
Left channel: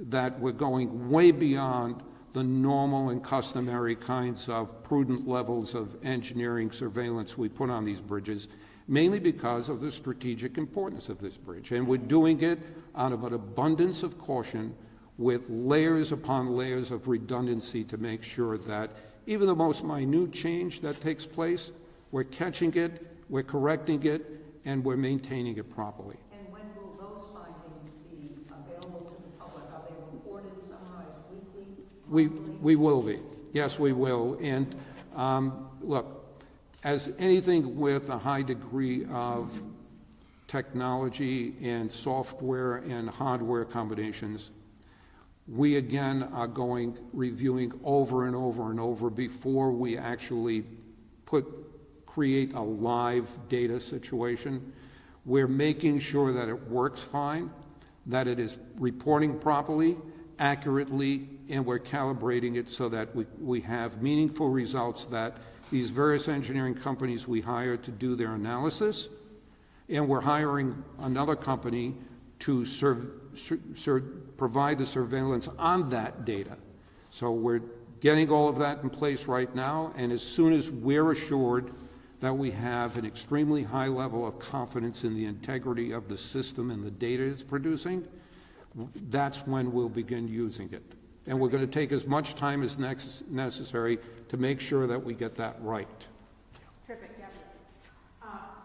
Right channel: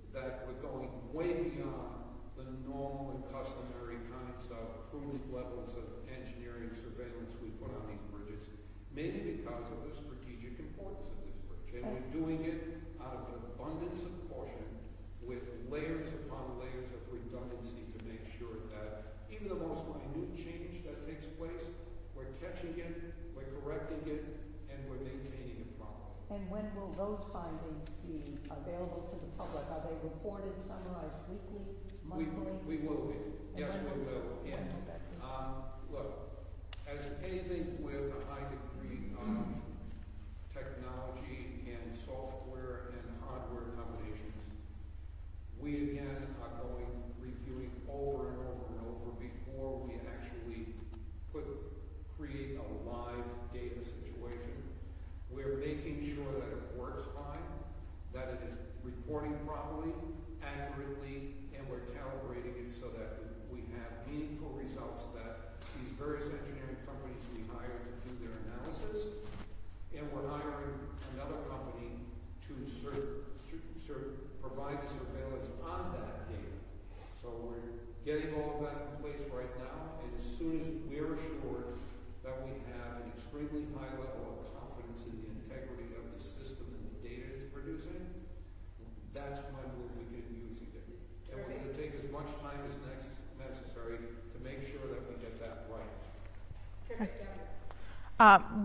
that we're going way beyond the normal and customary kinds of prudent levels of engineering surveillance we put on these bridges, mainly because of the strategic importance of this bridge. And we're doing it out of an abundance of caution with layers upon layers of redundancy to make sure that even the most minute change that takes place, we're catching it, we're correcting it, and we're maintaining it properly. And when will those findings be available to the public? Are they reported, summarized weekly, monthly? We will be. Yes, we will. And look, as anything with a high degree of technology and software and hardware combinations, we again are reviewing over and over and over before we actually create a live data situation. We're making sure that it works fine, that it is reporting properly, accurately, and we're calibrating it so that we have meaningful results that these various engineering companies we hire to do their analysis, and we're hiring another company to provide the surveillance on that data. So we're getting all of that in place right now, and as soon as we're assured that we have an extremely high level of confidence in the integrity of the system and the data it's producing, that's when we'll begin using it. And we're going to take as much time as necessary to make sure that we get that right. Perfect, yeah.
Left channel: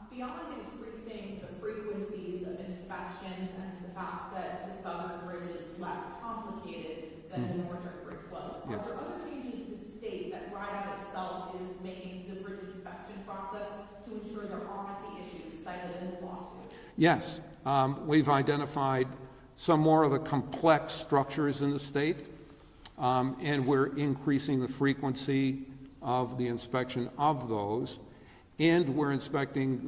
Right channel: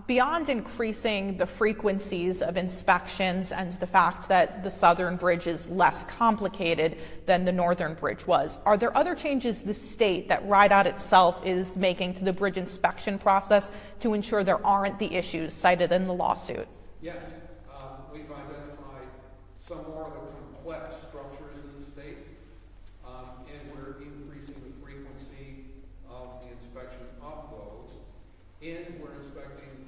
Beyond increasing the frequencies of inspections and the fact that the southern bridge is less complicated than the northern bridge was, are there other changes the state that RIDOT itself is making to the bridge inspection process to ensure there aren't the issues cited in the lawsuit? Yes, we've identified some more of the complex structures in the state, and we're increasing the frequency of the inspection of those. And we're inspecting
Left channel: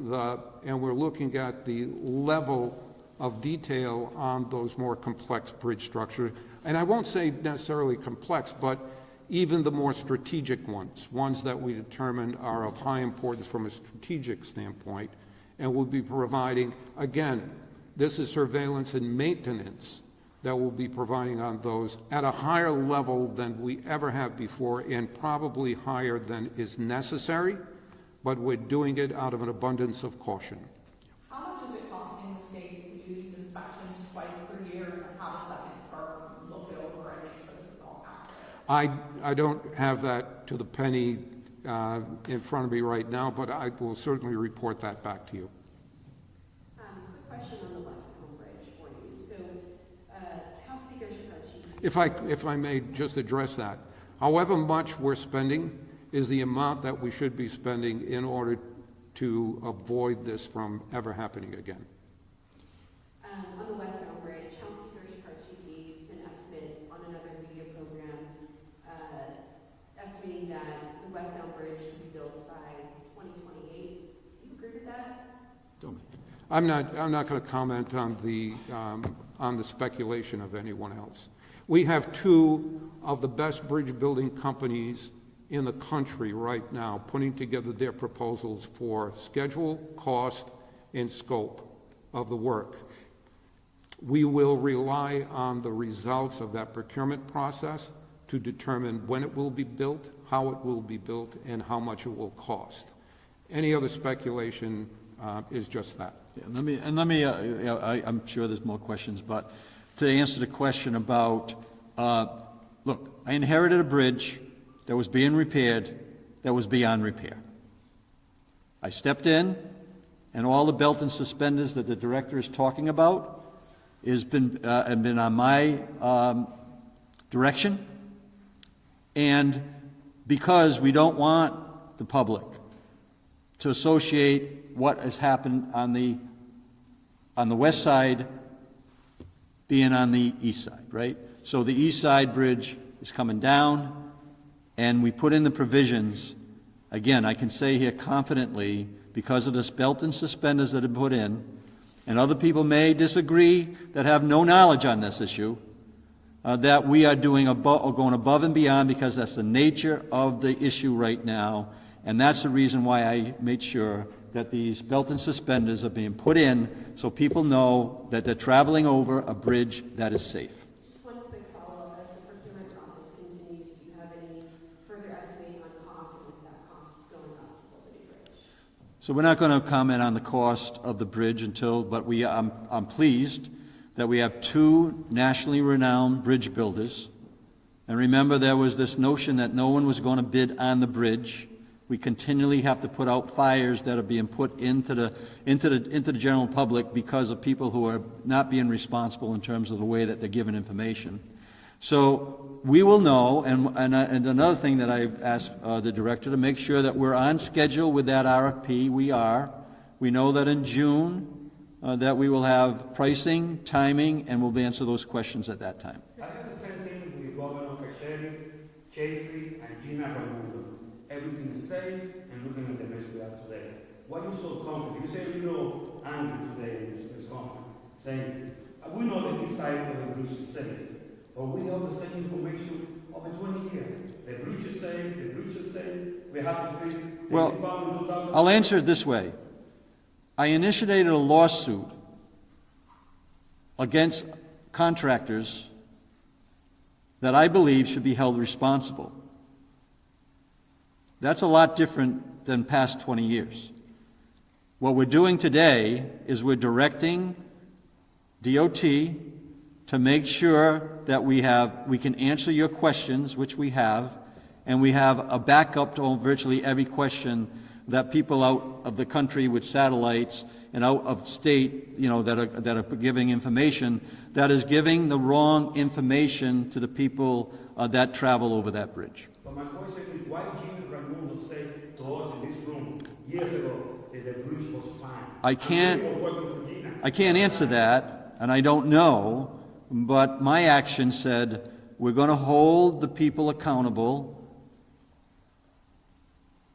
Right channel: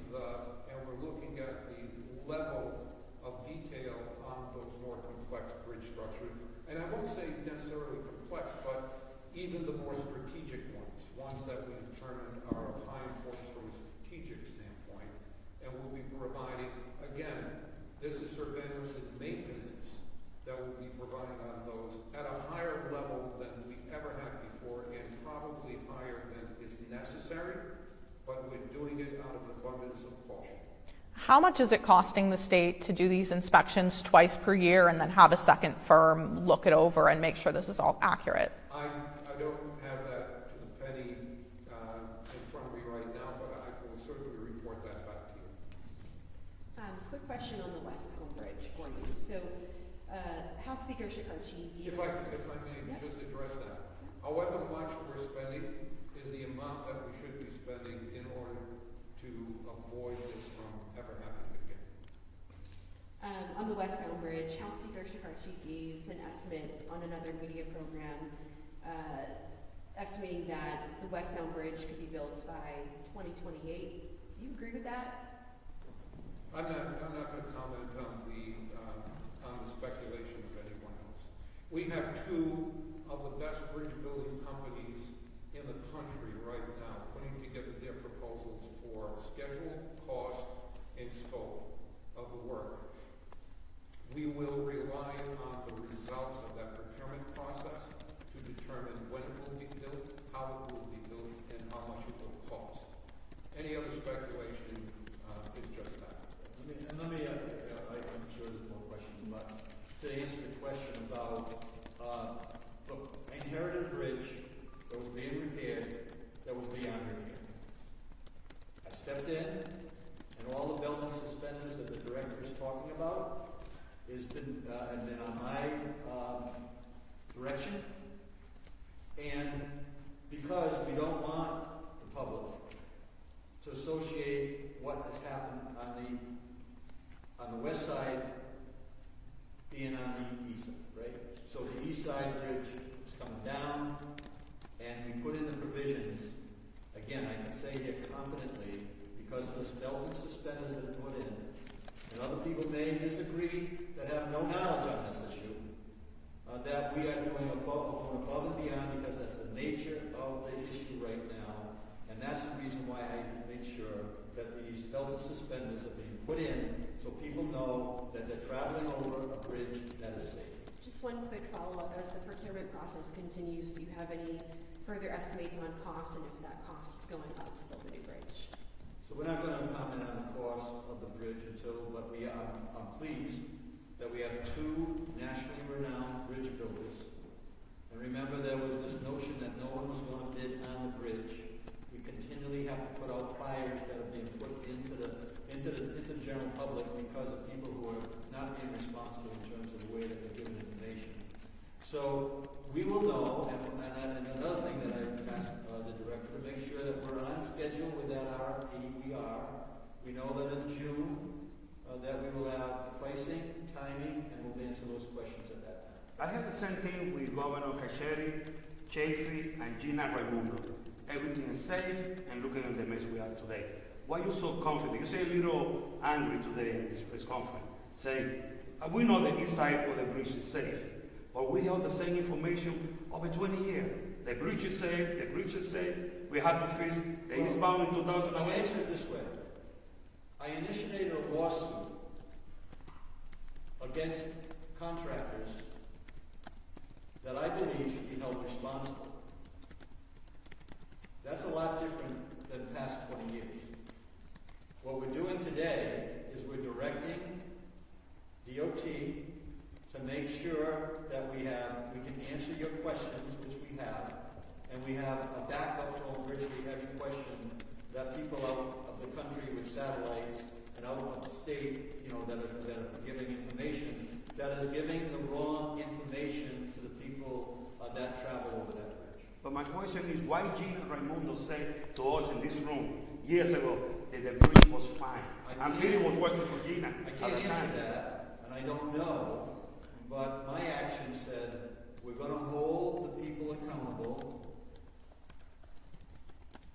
and we're looking at the level of detail on those more complex bridge structures. And I won't say necessarily complex, but even the more strategic ones that we determine are of high importance from a strategic standpoint. And we'll be providing, again, this is surveillance and maintenance that we'll be providing on those at a higher level than we ever have before, and probably higher than is necessary. But we're doing it out of an abundance of caution. How much is it costing the state to do these inspections twice per year and then have a second firm look it over and make sure this is all accurate? I don't have that to the penny in front of me right now, but I will certainly report that back to you. Quick question on the Westbound Bridge for you. So, House Speaker Shikarchi. If I may just address that. However much we're spending is the amount that we should be spending in order to avoid this from ever happening again. On the Westbound Bridge, House Speaker Shikarchi gave an estimate on another media program, estimating that the Westbound Bridge could be built by 2028. Do you agree with that? I'm not going to comment on the speculation of anyone else. We have two of the best bridge building companies in the country right now putting together their proposals for schedule, cost, and scope of the work. We will rely on the results of that procurement process to determine when it will be built, how it will be built, and how much it will cost. Any other speculation is just that. Yeah, I'm sure there's more questions, but to answer the question about, look, I inherited a bridge that was being repaired, that was beyond repair. I stepped in, and all the belt and suspenders that the director is talking about have been on my direction, and because we don't want the public to associate what has happened on the west side being on the east side, right? So the east side bridge is coming down, and we put in the provisions. Again, I can say here confidently, because of this belt and suspenders that have been put in, and other people may disagree that have no knowledge on this issue, that we are going above and beyond, because that's the nature of the issue right now, and that's the reason why I made sure that these belt and suspenders are being put in so people know that they're traveling over a bridge that is safe. Just one quick follow-up. As the procurement process continues, do you have any further estimates on cost and if that cost is going up to build a new bridge? So we're not going to comment on the cost of the bridge but I'm pleased that we have two nationally renowned bridge builders. And remember, there was this notion that no one was going to bid on the bridge. We continually have to put out fires that are being put into the general public because of people who are not being responsible in terms of the way that they're given information. So we will know, and another thing that I asked the director to make sure that we're on schedule with that RFP. We are. We know that in June that we will have pricing, timing, and we'll answer those questions at that time. I have the same thing with Governor Cacheri, Chafee, and Gina Raimundo. Everything is safe and looking at the mess we are today. Why are you so confident? You say a little angry today in this press conference, saying, we know the east side of the bridge is safe, but we have the same information over 20 years. The bridge is safe, the bridge is safe. We had to fix the Westbound in 2000. I'll answer it this way. I initiated a lawsuit against contractors that I believe should be held responsible. That's a lot different than past 20 years. What we're doing today is we're directing DOT to make sure that we can answer your questions, which we have, and we have a backup to virtually every question that people out of the country with satellites and out of state, that are giving information, that is giving the wrong information to the people that travel over that bridge. But my question is, why Gina Raimundo said to us in this room years ago that the bridge was fine? I can't answer that, and I don't know, but my action said we're going to hold the people accountable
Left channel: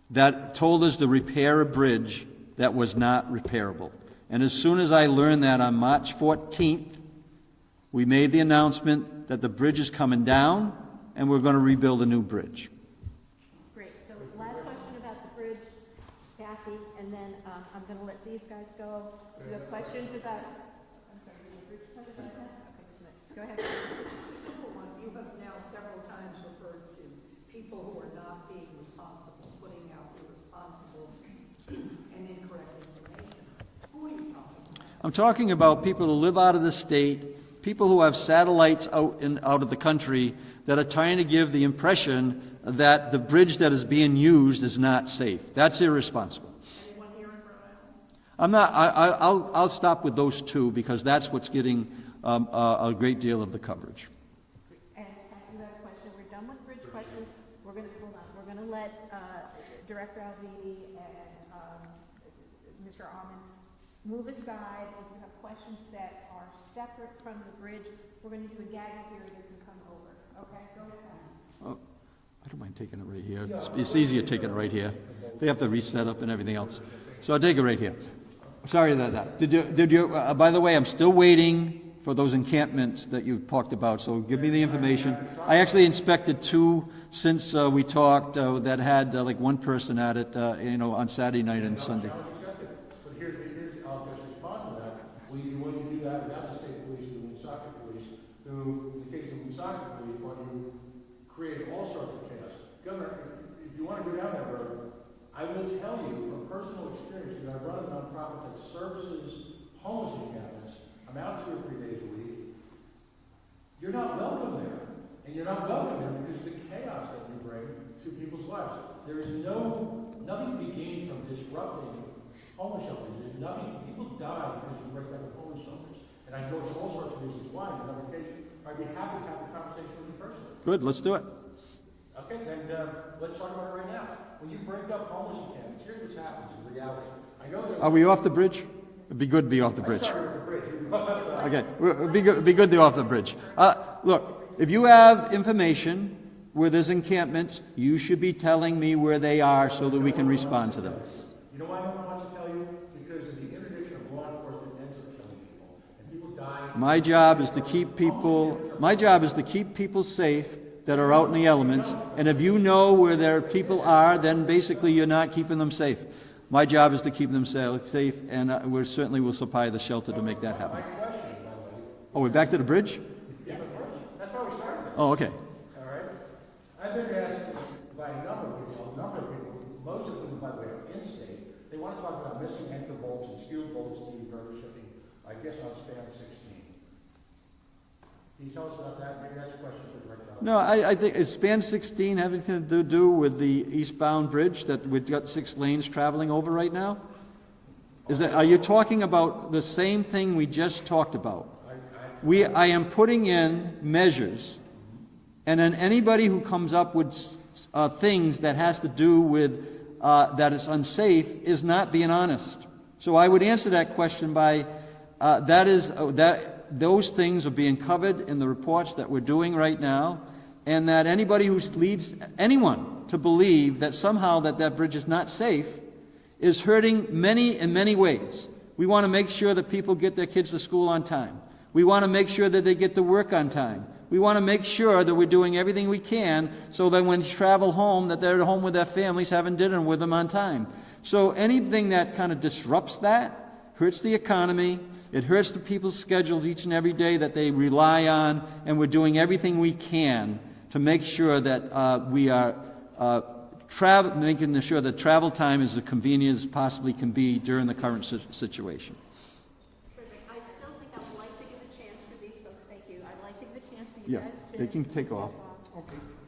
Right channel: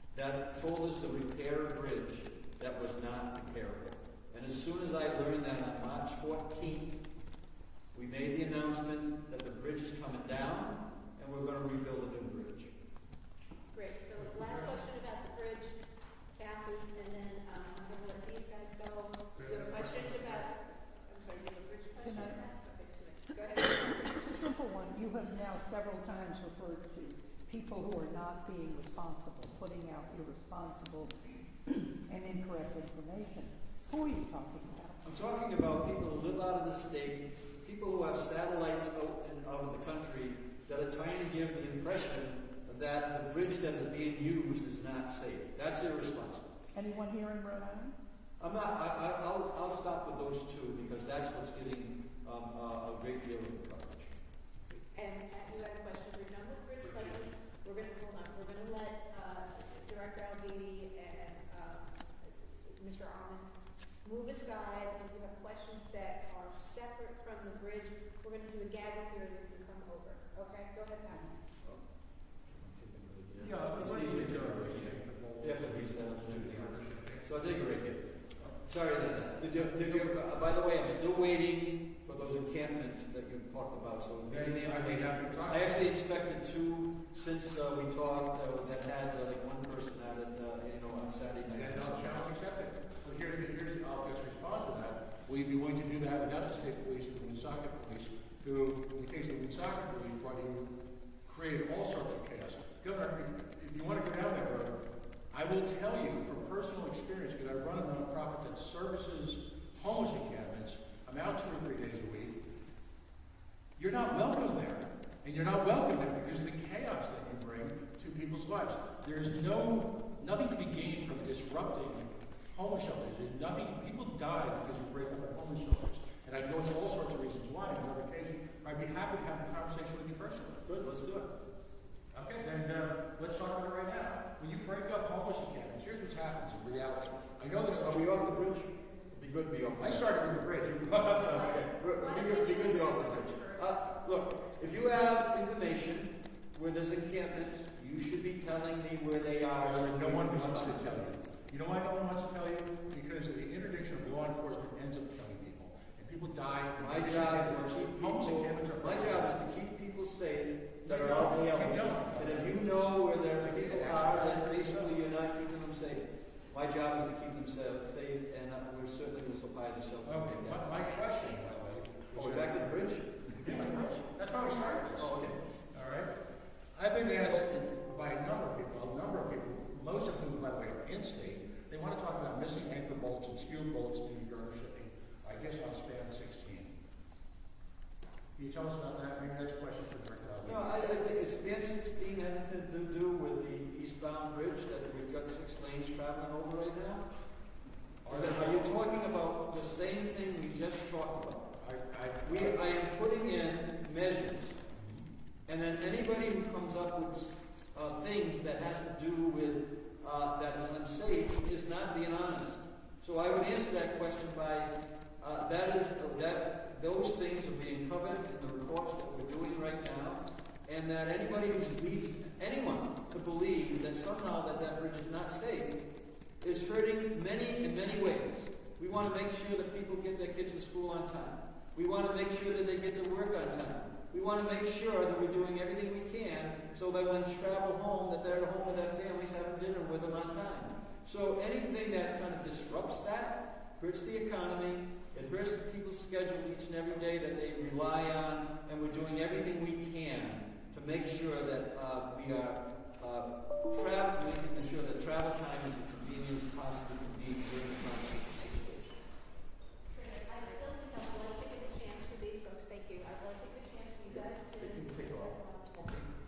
that told us to repair a bridge that was not repairable. And as soon as I learned that on March 14th, we made the announcement that the bridge is coming down and we're going to rebuild a new bridge. Great. So last question about the bridge, Kathy, and then I'm going to let these guys go. You have questions about, I'm sorry, the bridge question? Go ahead. Simple one. You have now several times referred to people who are not being responsible, putting out irresponsible and incorrect information. Who are you talking about? I'm talking about people who live out of the state, people who have satellites out of the country that are trying to give the impression that the bridge that is being used is not safe. That's irresponsible. Anyone here in Rhode Island? I'm not, I'll stop with those two because that's what's getting a great deal of the coverage. And you had a question, we're done with bridge questions, we're gonna, hold on, we're gonna let, Director Almeida and, Mr. Almond move aside. If you have questions that are separate from the bridge, we're gonna do a gag period and come over, okay? Go ahead, Almond. I don't mind taking it right here. It's easier taking it right here. They have to reset up and everything else. So I'll take it right here. Sorry about that. Did you, by the way, I'm still waiting for those encampments that you talked about, so give me the information. I actually inspected 2 since we talked that had like 1 person at it, on Saturday night and Sunday. So here's, I'll just respond to that. Will you be willing to do that without the state police, the Woonsocket police, who, in the case of the Woonsocket police, brought you, created all sorts of chaos? Governor, if you want to go down that road, I will tell you from personal experience, because I run a nonprofit that services homeless encampments. I'm out 2 or 3 days a week. You're not welcome there. And you're not welcome there because of the chaos that you bring to people's lives. There is nothing to be gained from disrupting homeless shelters. There's nothing, people die because you break up the homeless shelters. And I know all sorts of reasons why. On another occasion, I'd be happy to have the conversation with you personally. Good, let's do it. Okay, then let's talk about it right now. When you break up homeless encampments, here's what's happening in reality. I know that. Are we off the bridge? It'd be good to be off the bridge. I started with the bridge. Okay, it'd be good to be off the bridge. Look, if you have information where there's encampments, you should be telling me where they are so that we can respond to them. You know why no one wants to tell you? Because of the interdiction of law enforcement ends up killing people. And people die. My job is to keep people safe that are out in the elements. And if you know where their people are, then basically you're not keeping them safe. My job is to keep them safe, and we certainly will supply the shelter to make that happen. Oh, we're back to the bridge? Yeah, that's why we started. Oh, okay. All right. I've been asked by a number of people, most of whom, by the way, are in-state. They want to talk about missing anchor bolts and skewed bolts due to burger shipping, I guess on span 16. Can you tell us about that? Maybe that's a question for Director. No, I think, is span 16 having to do with the eastbound bridge that we've got 6 lanes traveling over right now? Are you talking about the same thing we just talked about? I am putting in measures, and then anybody who comes up with things that has to do with that is unsafe is not being honest. So I would answer that question by those things are being covered in the reports that we're doing right now, and that anybody who leads anyone to believe that somehow that bridge is not safe is hurting many in many ways. We want to make sure that people get their kids to school on time. We want to make sure that they get to work on time. We want to make sure that we're doing everything we can so that when they travel home, that they're at home with their families having dinner with them on time. So anything that kind of disrupts that hurts the economy. It hurts the people's schedules each and every day that they rely on, and we're doing everything we can to make sure that we are making sure that travel time is as convenient as possibly can be during the current situation. I still think I'd like to give a chance for these folks, thank you. I'd like to give a chance for you Yeah, guys to. they can take off.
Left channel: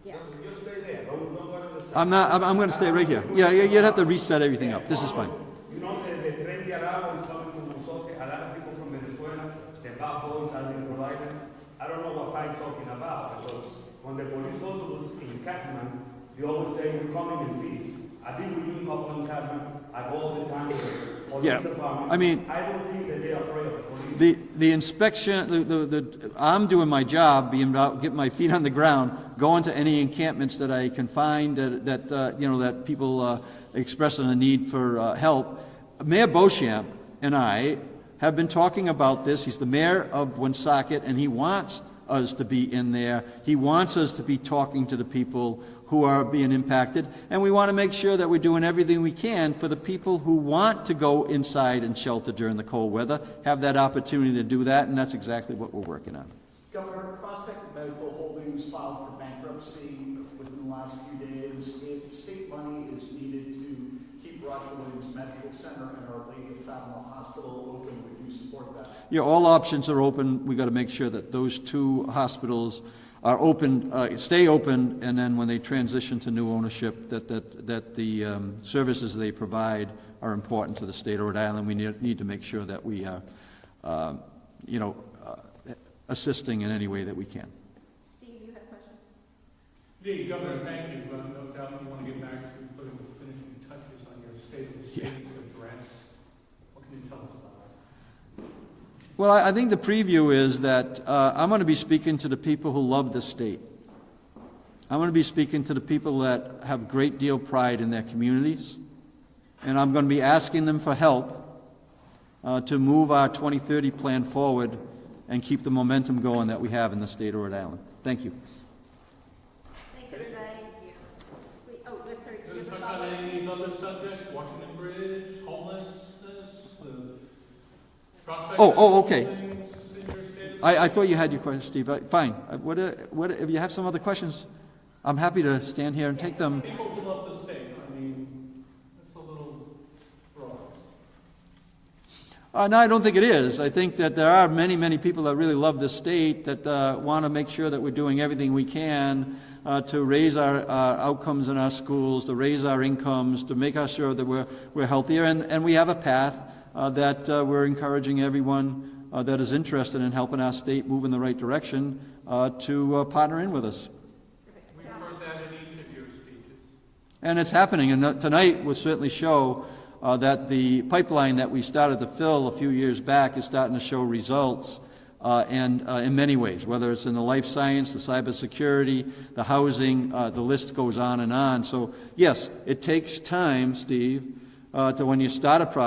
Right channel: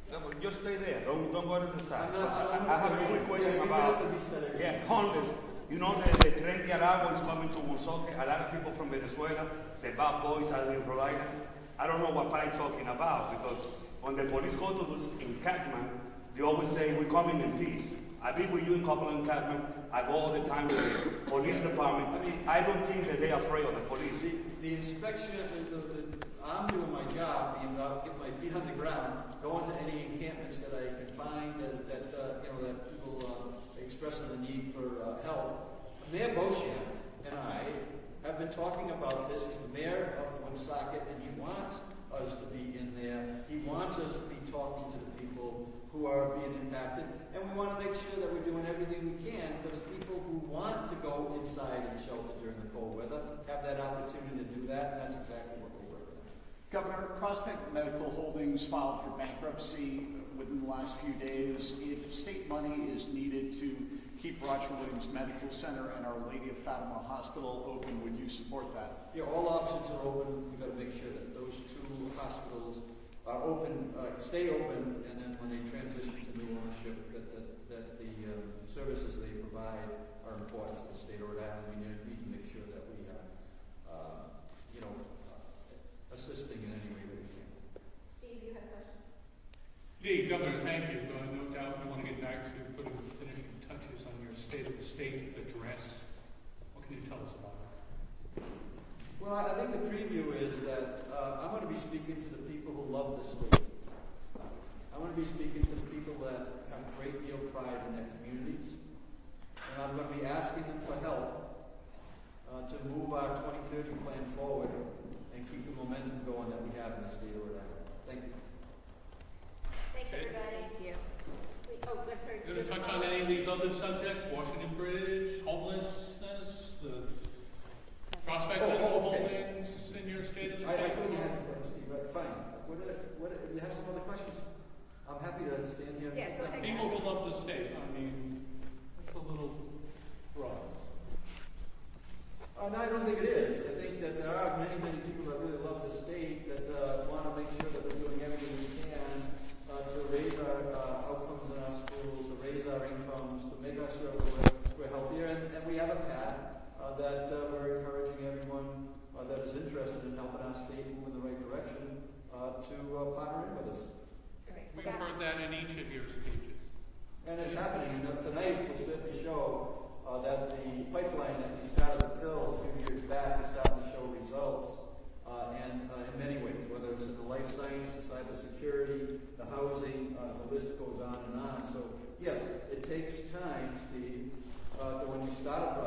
Yeah. Just stay there. Don't go to the side. I'm going to stay right here. Yeah, you'd have to reset everything up. This is fine. You know, the Tren de Aragua is coming to Woonsocket. A lot of people from Venezuela, the bad boys are in Rhode Island. I don't know what Pike's talking about, because when the police go to this encampment, they always say, we're coming in peace. I've been with you in a couple of encampments. I go all the time with the police department. I mean, I don't think that they're afraid of the police. The inspection, I'm doing my job, being out, getting my feet on the ground, going to any encampments that I can find that people expressing a need for help. Mayor Beauchamp and I have been talking about this. He's the mayor of Woonsocket, and he wants us to be in there. He wants us to be talking to the people who are being impacted, and we want to make sure that we're doing everything we can for the people who want to go inside and shelter during the cold weather, have that opportunity to do that, and that's exactly what we're working on. Governor, Prospect Medical Holdings filed for bankruptcy within the last few days. If state money is needed to keep Roger Williams Medical Center and Our Lady of Fatima Hospital open, would you support that? Yeah, all options are open. We've got to make sure that those 2 hospitals are open, stay open, and then when they transition to new ownership, that the services they provide are important to the state of Rhode Island. We need to make sure that we are, assisting in any way that we can. Steve, you had a question? Indeed, Governor, thank you. No doubt we want to get back to putting the finishing touches on your state of the state address. What can you tell us about it? Well, I think the preview is that I'm going to be speaking to the people who love this state. I'm going to be speaking to the people that have a great deal of pride in their communities, and I'm going to be asking them for help to move our 2030 plan forward and keep the momentum going that we have in the state of Rhode Island. Thank you. Thanks, everybody. Thank you. Wait, oh, I'm sorry. Going to touch on any of these other subjects? Washington Bridge, homelessness, the prospect of Okay. buildings in your state of the I thought you had your question, Steve. Fine. What if you have some other questions? I'm happy to stand here and take them. People who love the state, I mean, that's a little broad. No, I don't think it is. I think that there are many, many people that really love this state, that want to make sure that we're doing everything we can to raise our outcomes in our schools, to raise our incomes, to make sure that we're healthier. And we have a path that we're encouraging everyone that is interested in helping our state move in the right direction to partner in with us. We've heard that in each of your speeches. And it's happening, and tonight will certainly show that the pipeline that we started to fill a few years back is starting to show results, and in many ways, whether it's in the life science, the cybersecurity, the housing, the list goes on and on. So yes, it takes time, Steve, to when you start a project.